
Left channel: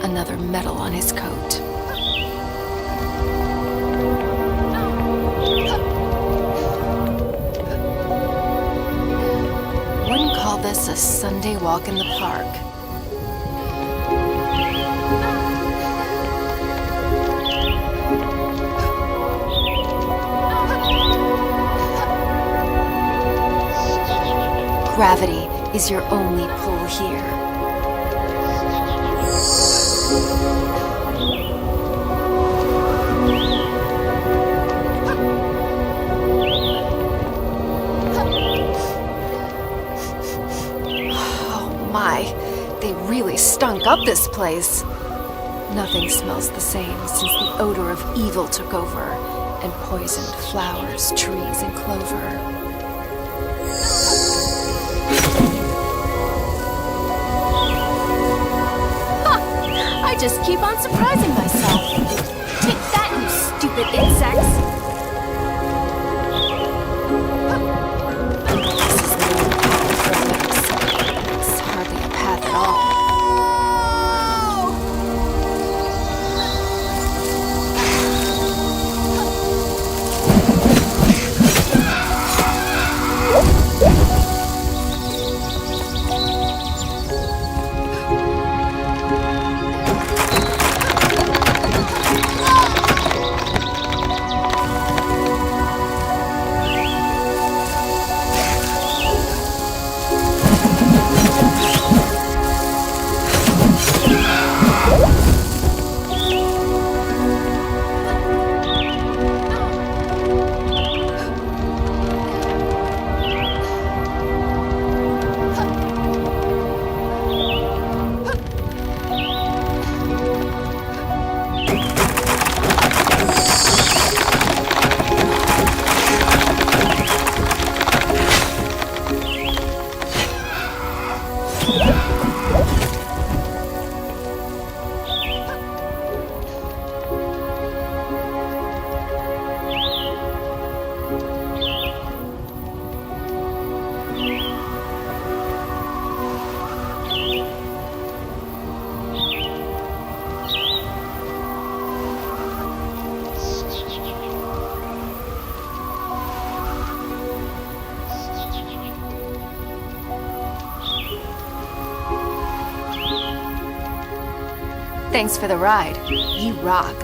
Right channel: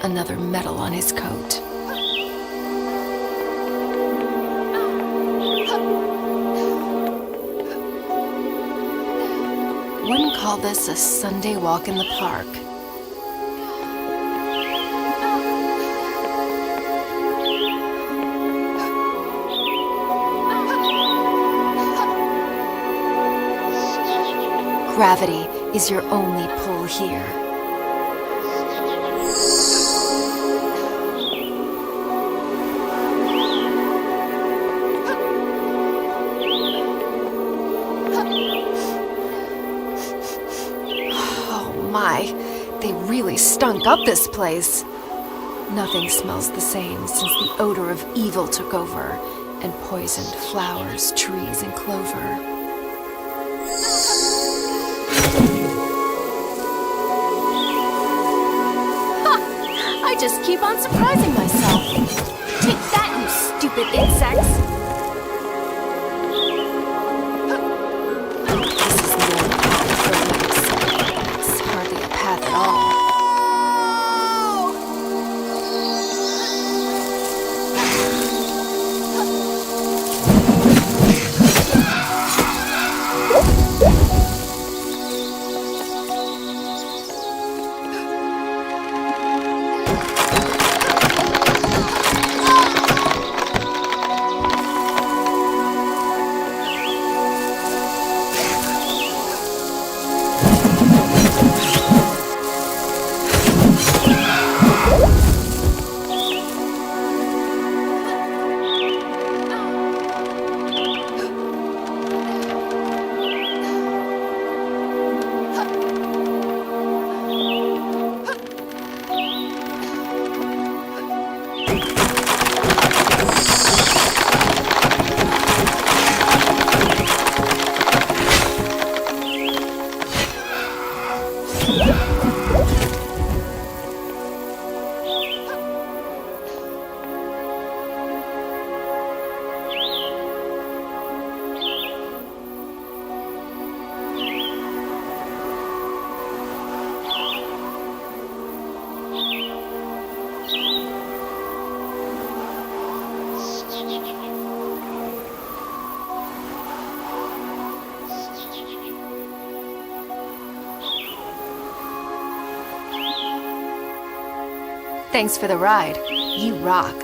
Another medal on his coat. Wouldn't call this a Sunday walk in the park. Gravity is your only pull here. Oh my, they really stunk up this place. Nothing smells the same since the odor of evil took over and poisoned flowers, trees, and clover. Ha! I just keep on surprising myself. Take that, you stupid insects! This is no path for lips. It's hardly a path at all. Thanks for the ride. You rock.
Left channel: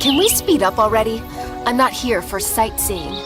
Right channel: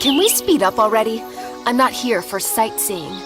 Can we speed up already? I'm not here for sightseeing.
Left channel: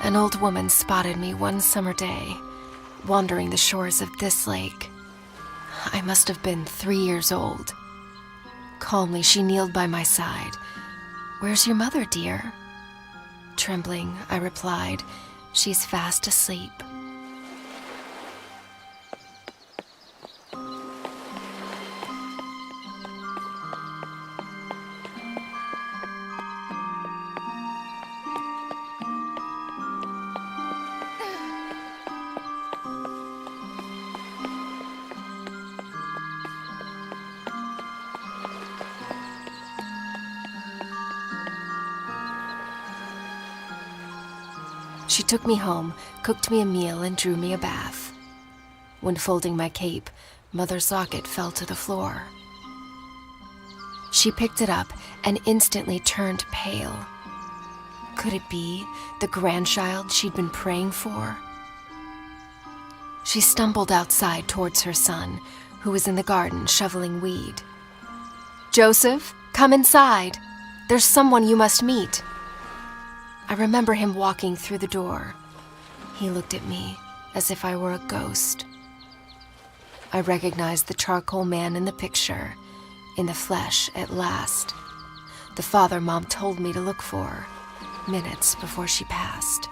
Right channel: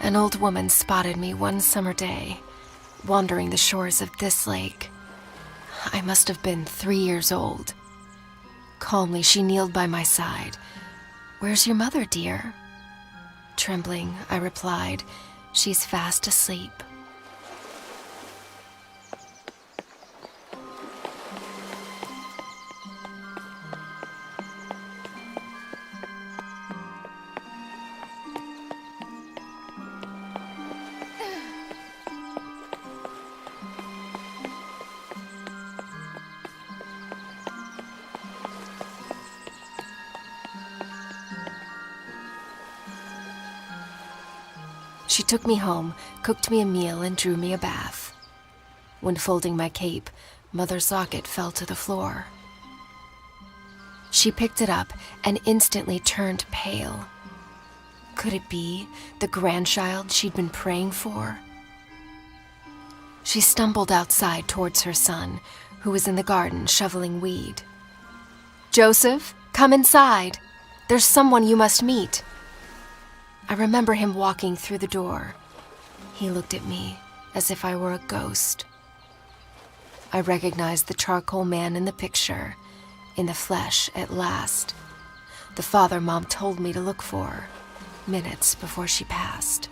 An old woman spotted me one summer day, wandering the shores of this lake. I must have been 3 years old. Calmly, she kneeled by my side. "Where's your mother, dear?" Trembling, I replied, "She's fast asleep." She took me home, cooked me a meal, and drew me a bath. When folding my cape, Mother's locket fell to the floor. She picked it up and instantly turned pale. Could it be the grandchild she'd been praying for? She stumbled outside towards her son, who was in the garden shoveling weed. "Joseph, come inside. There's someone you must meet." I remember him walking through the door. He looked at me as if I were a ghost. I recognized the charcoal man in the picture, in the flesh at last. The father Mom told me to look for, minutes before she passed.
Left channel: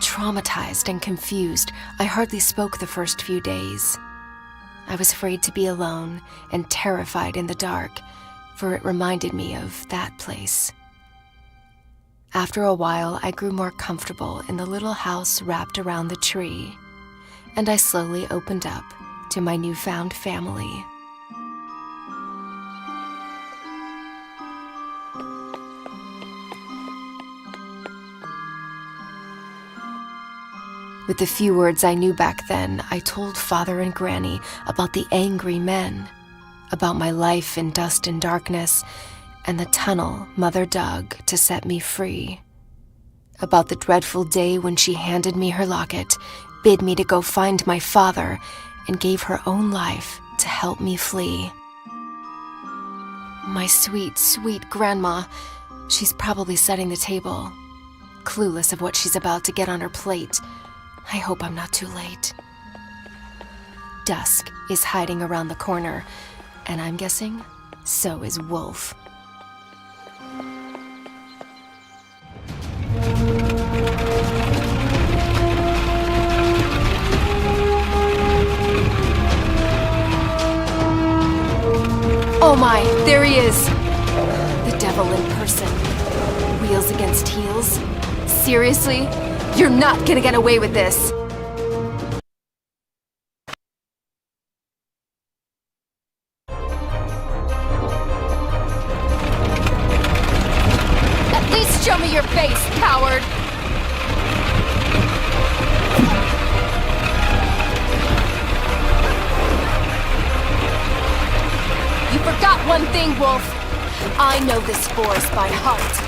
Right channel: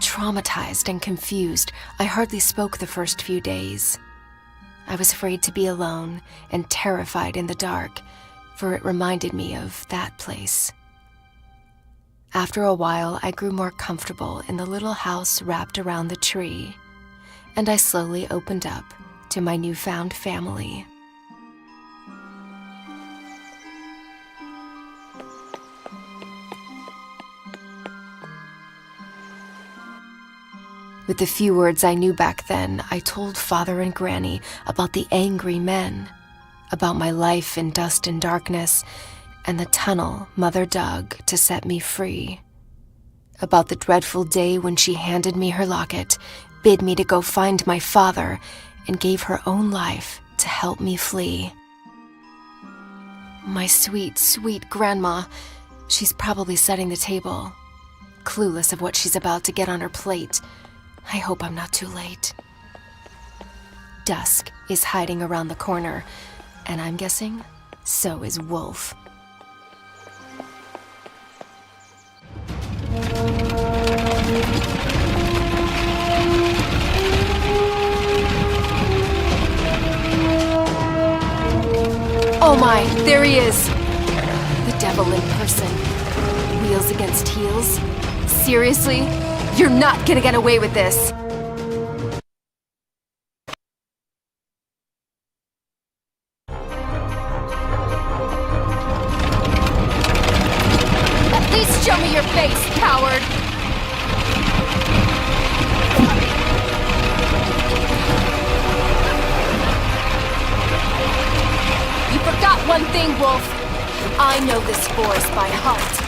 Traumatized and confused, I hardly spoke the first few days. I was afraid to be alone and terrified in the dark, for it reminded me of that place. After a while, I grew more comfortable in the little house wrapped around the tree, and I slowly opened up to my newfound family. With the few words I knew back then, I told Father and Granny about the angry men, about my life in dust and darkness, and the tunnel Mother dug to set me free. About the dreadful day when she handed me her locket, bid me to go find my father, and gave her own life to help me flee. My sweet, sweet grandma, she's probably setting the table, clueless of what she's about to get on her plate. I hope I'm not too late. Dusk is hiding around the corner, and I'm guessing so is Woolfe. Oh my, there he is! The devil in person. Wheels against heels? Seriously? You're not gonna get away with this! At least show me your face, coward! You forgot one thing, Woolfe. I know this forest by heart.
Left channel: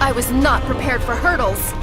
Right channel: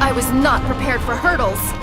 I was not prepared for hurdles.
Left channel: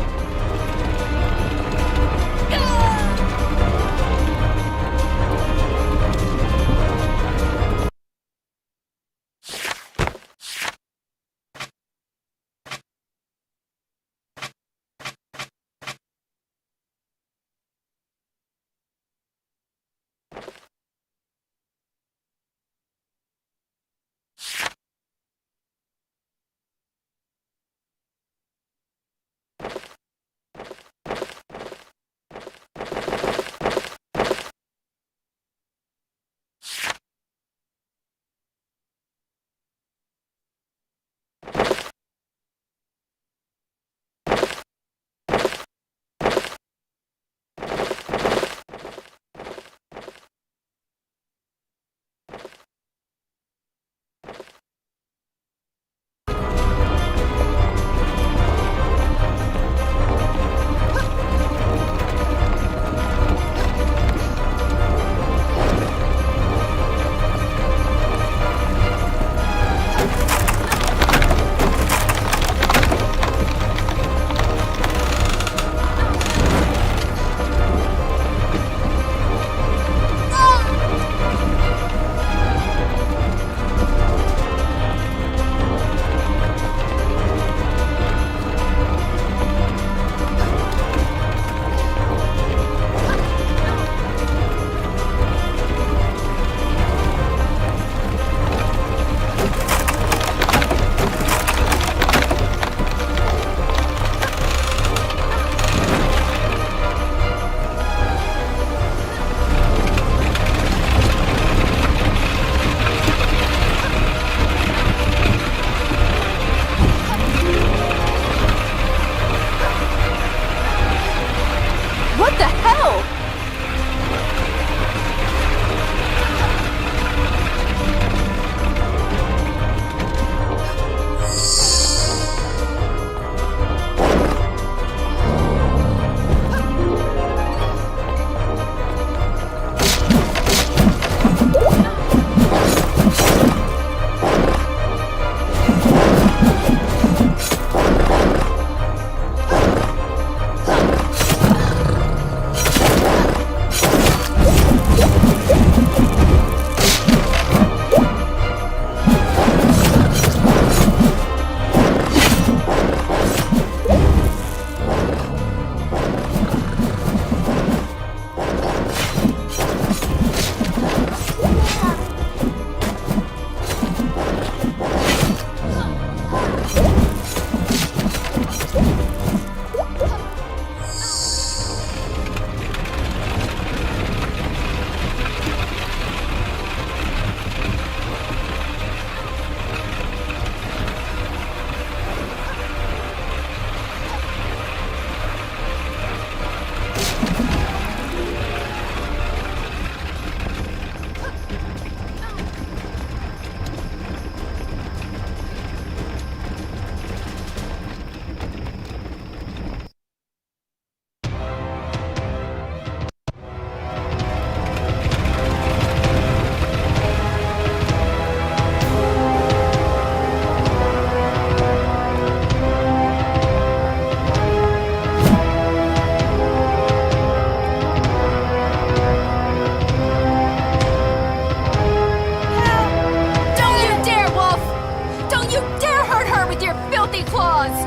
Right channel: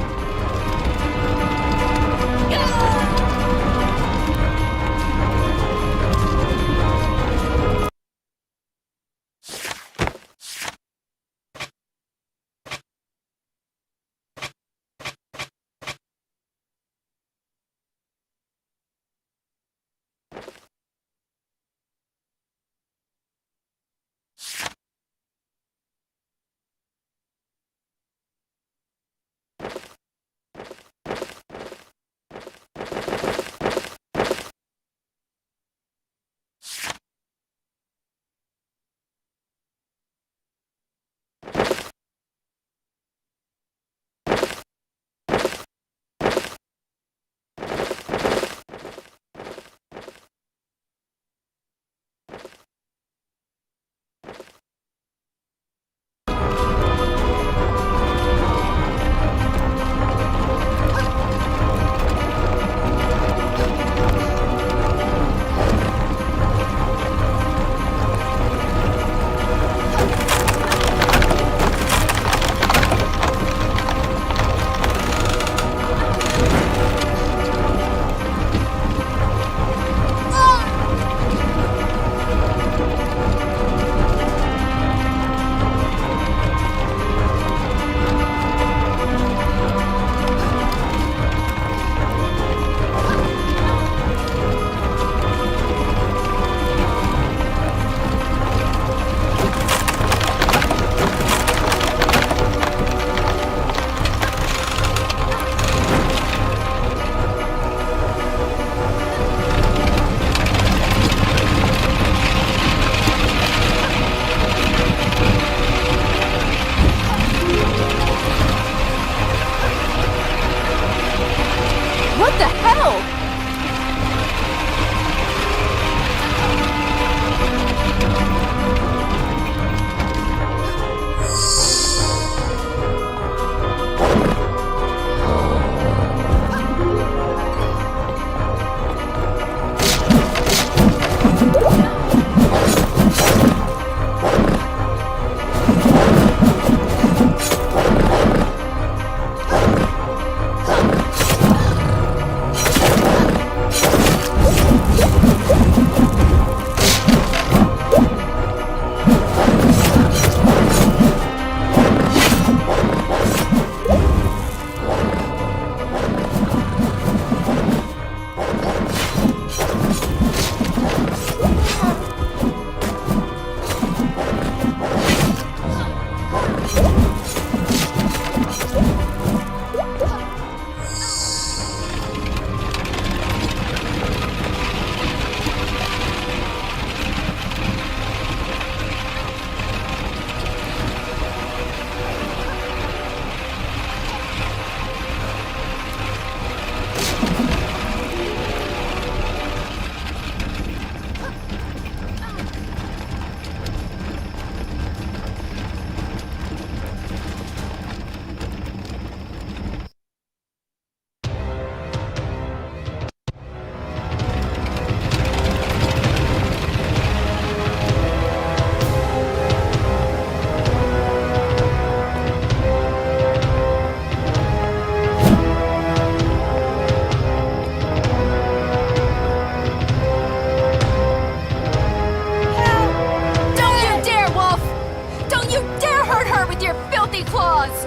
claws!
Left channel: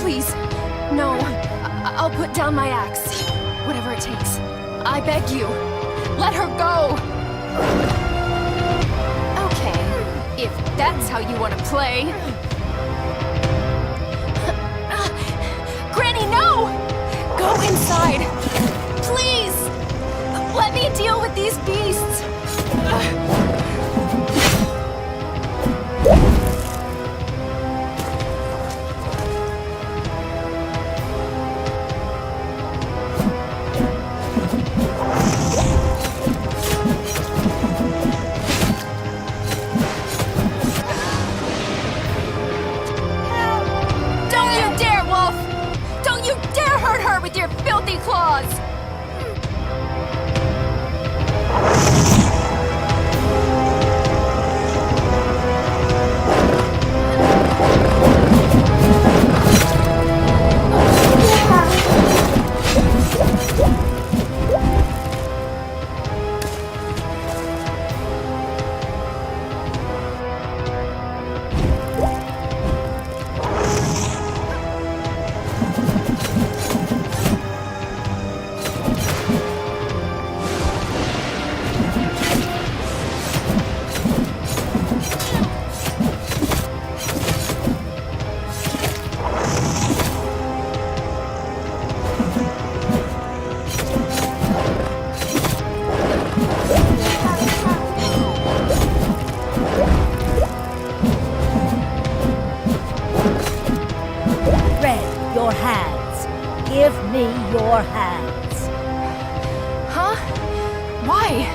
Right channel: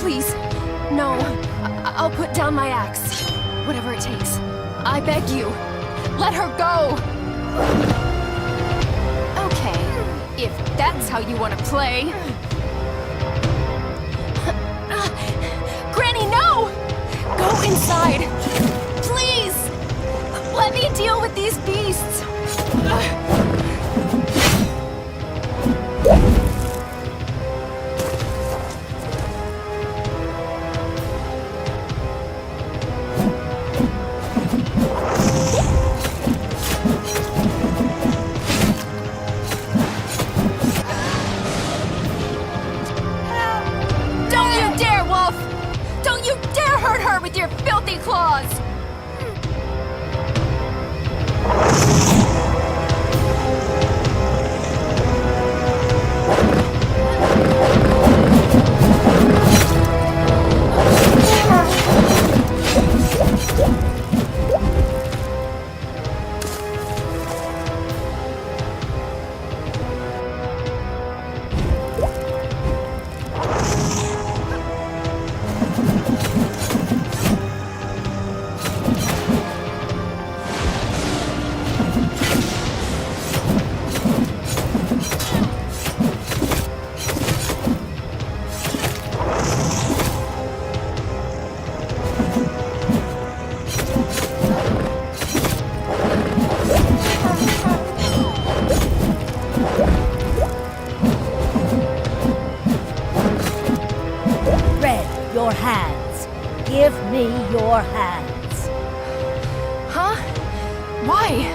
Please, no. I'll put down my axe. Whatever it takes. I beg you. Let her go! Okay, if that's how you want to play. Granny, no! Go inside! Please! Let me deal with these beasts! Don't you dare, Wolf! Don't you dare hurt her with your filthy claws! Your hands. Give me your hands. Huh? Why?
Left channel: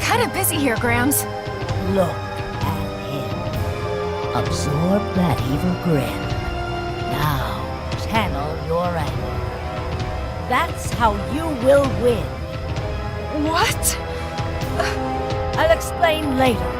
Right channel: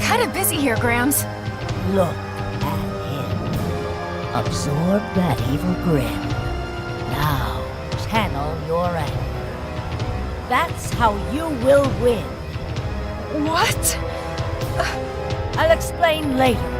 Kinda busy here, Grams. Look at him. Absorb that evil grin. Now, channel your anger. That's how you will win. What? I'll explain later.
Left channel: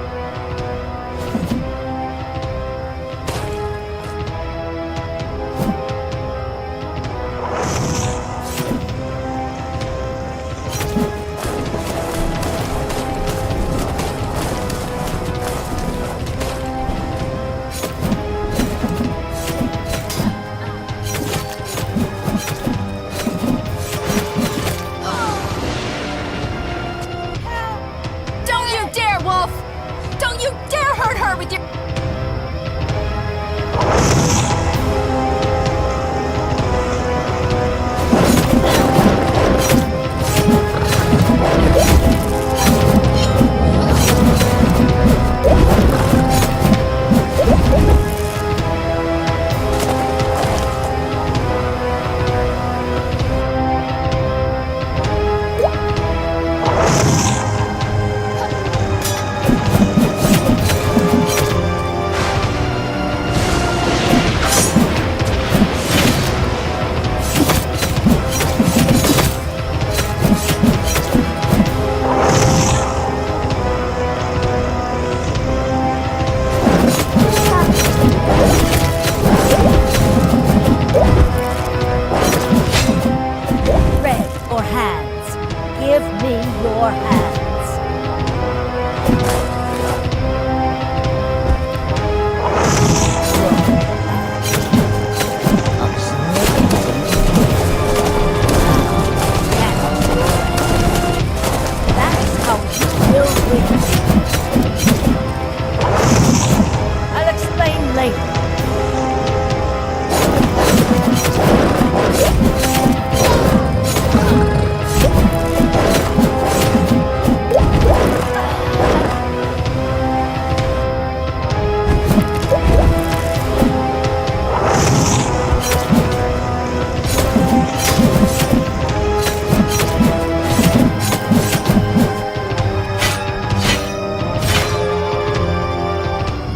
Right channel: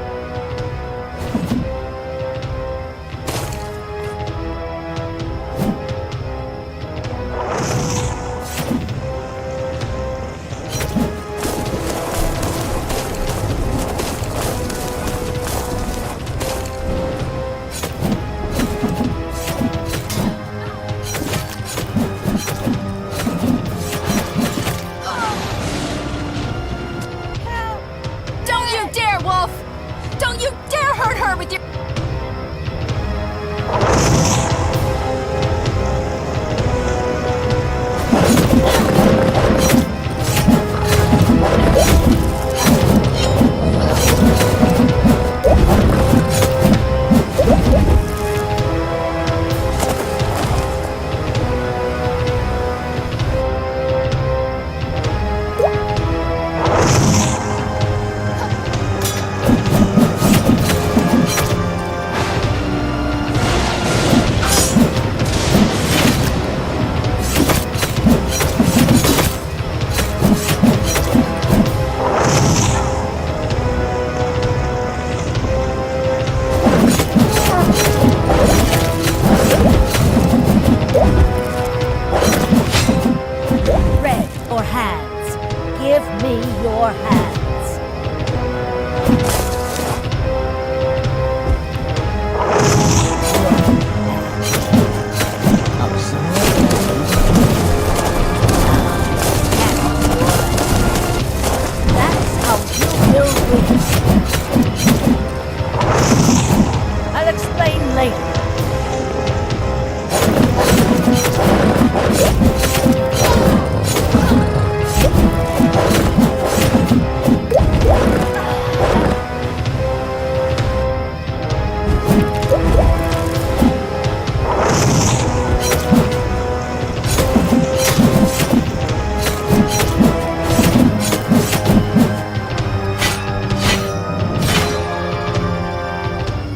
Give me your hands. That's how you will win. I'll explain later.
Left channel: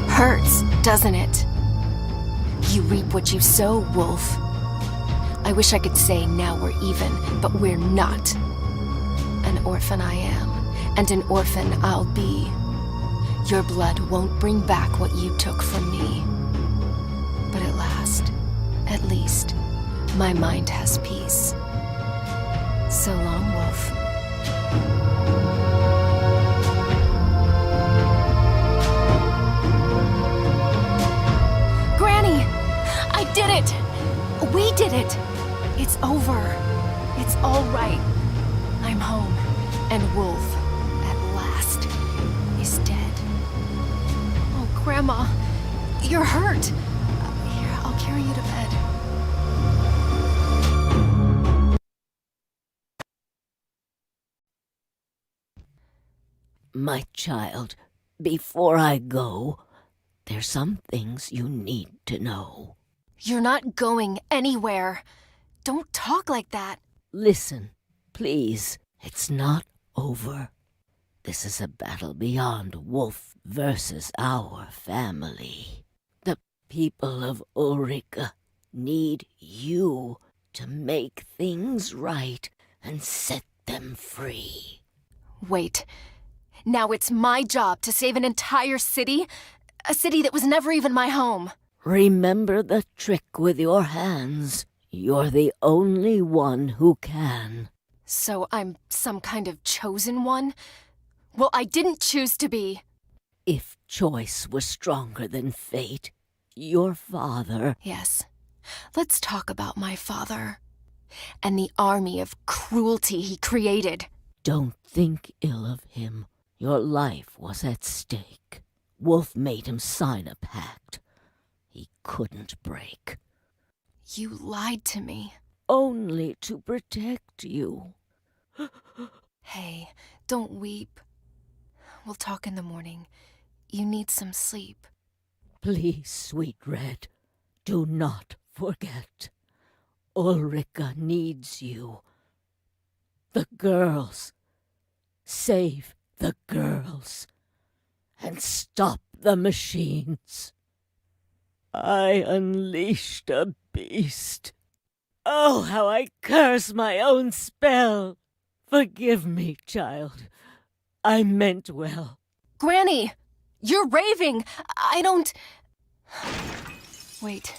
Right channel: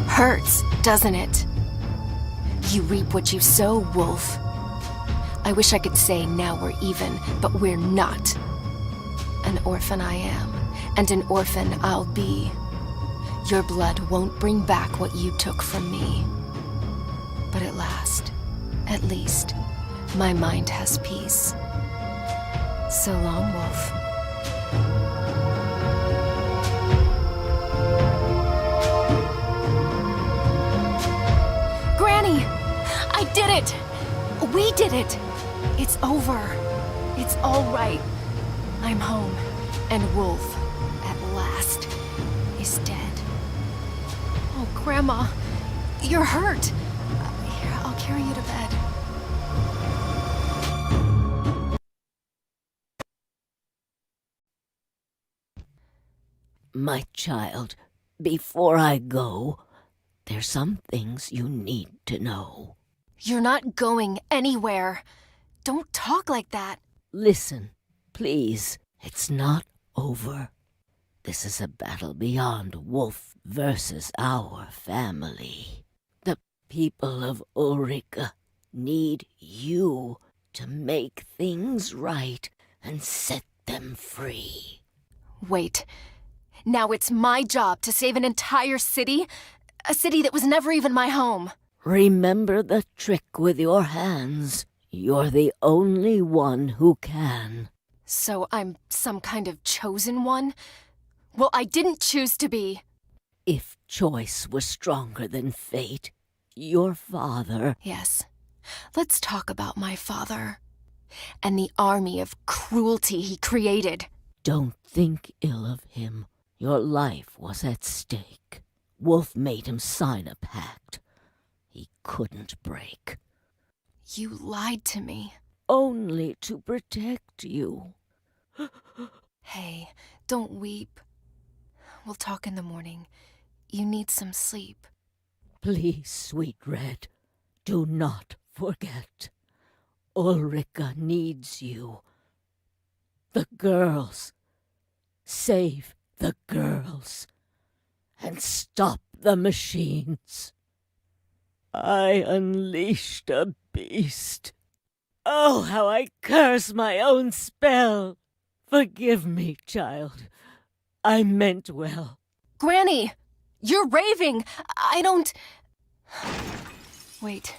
Hurts, doesn't it? You reap what you sow, Wolf. I wish I could say now we're even, but we're not. An orphan I am, and an orphan I'll be. Your blood won't bring back what you took from me. But at least, my mind has peace. So long, Wolf. We did it! It's over. It's all right. I'm home. And Woolfe, at last, is dead. Oh, Grandma, you're hurt. Here, I'll carry you to bed. My child, before I go, there's some things you need to know. You're not going anywhere. Don't talk like that. Listen, please. It's not over. This is a battle beyond Woolfe versus our family. The people of Ulrika need you to make things right and set them free. Wait. Now it's my job to save an entire city? A city that was never even my home. Remember the trick with your hands. You're the only one who can. So I'm some kind of chosen one? Well, I didn't choose to be. If choice was stronger than fate, your father... Yes. Let's talk about my father. And the army of cruelty he created. Don't think ill of him. Your life was at stake. Woolfe made him sign a pact he couldn't break. You lied to me. Only to protect you. Hey, don't weep. We'll talk in the morning. You need some sleep. Please, sweet Red, do not forget. Ulrika needs you. The girls. Save the girls. And stop the machines. I unleashed a beast. Oh, how I curse my own spell. Forgive me, child. I meant well. Granny! You're raving! I don't... Wait.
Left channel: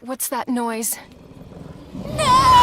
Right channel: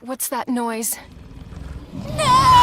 What's that noise? No!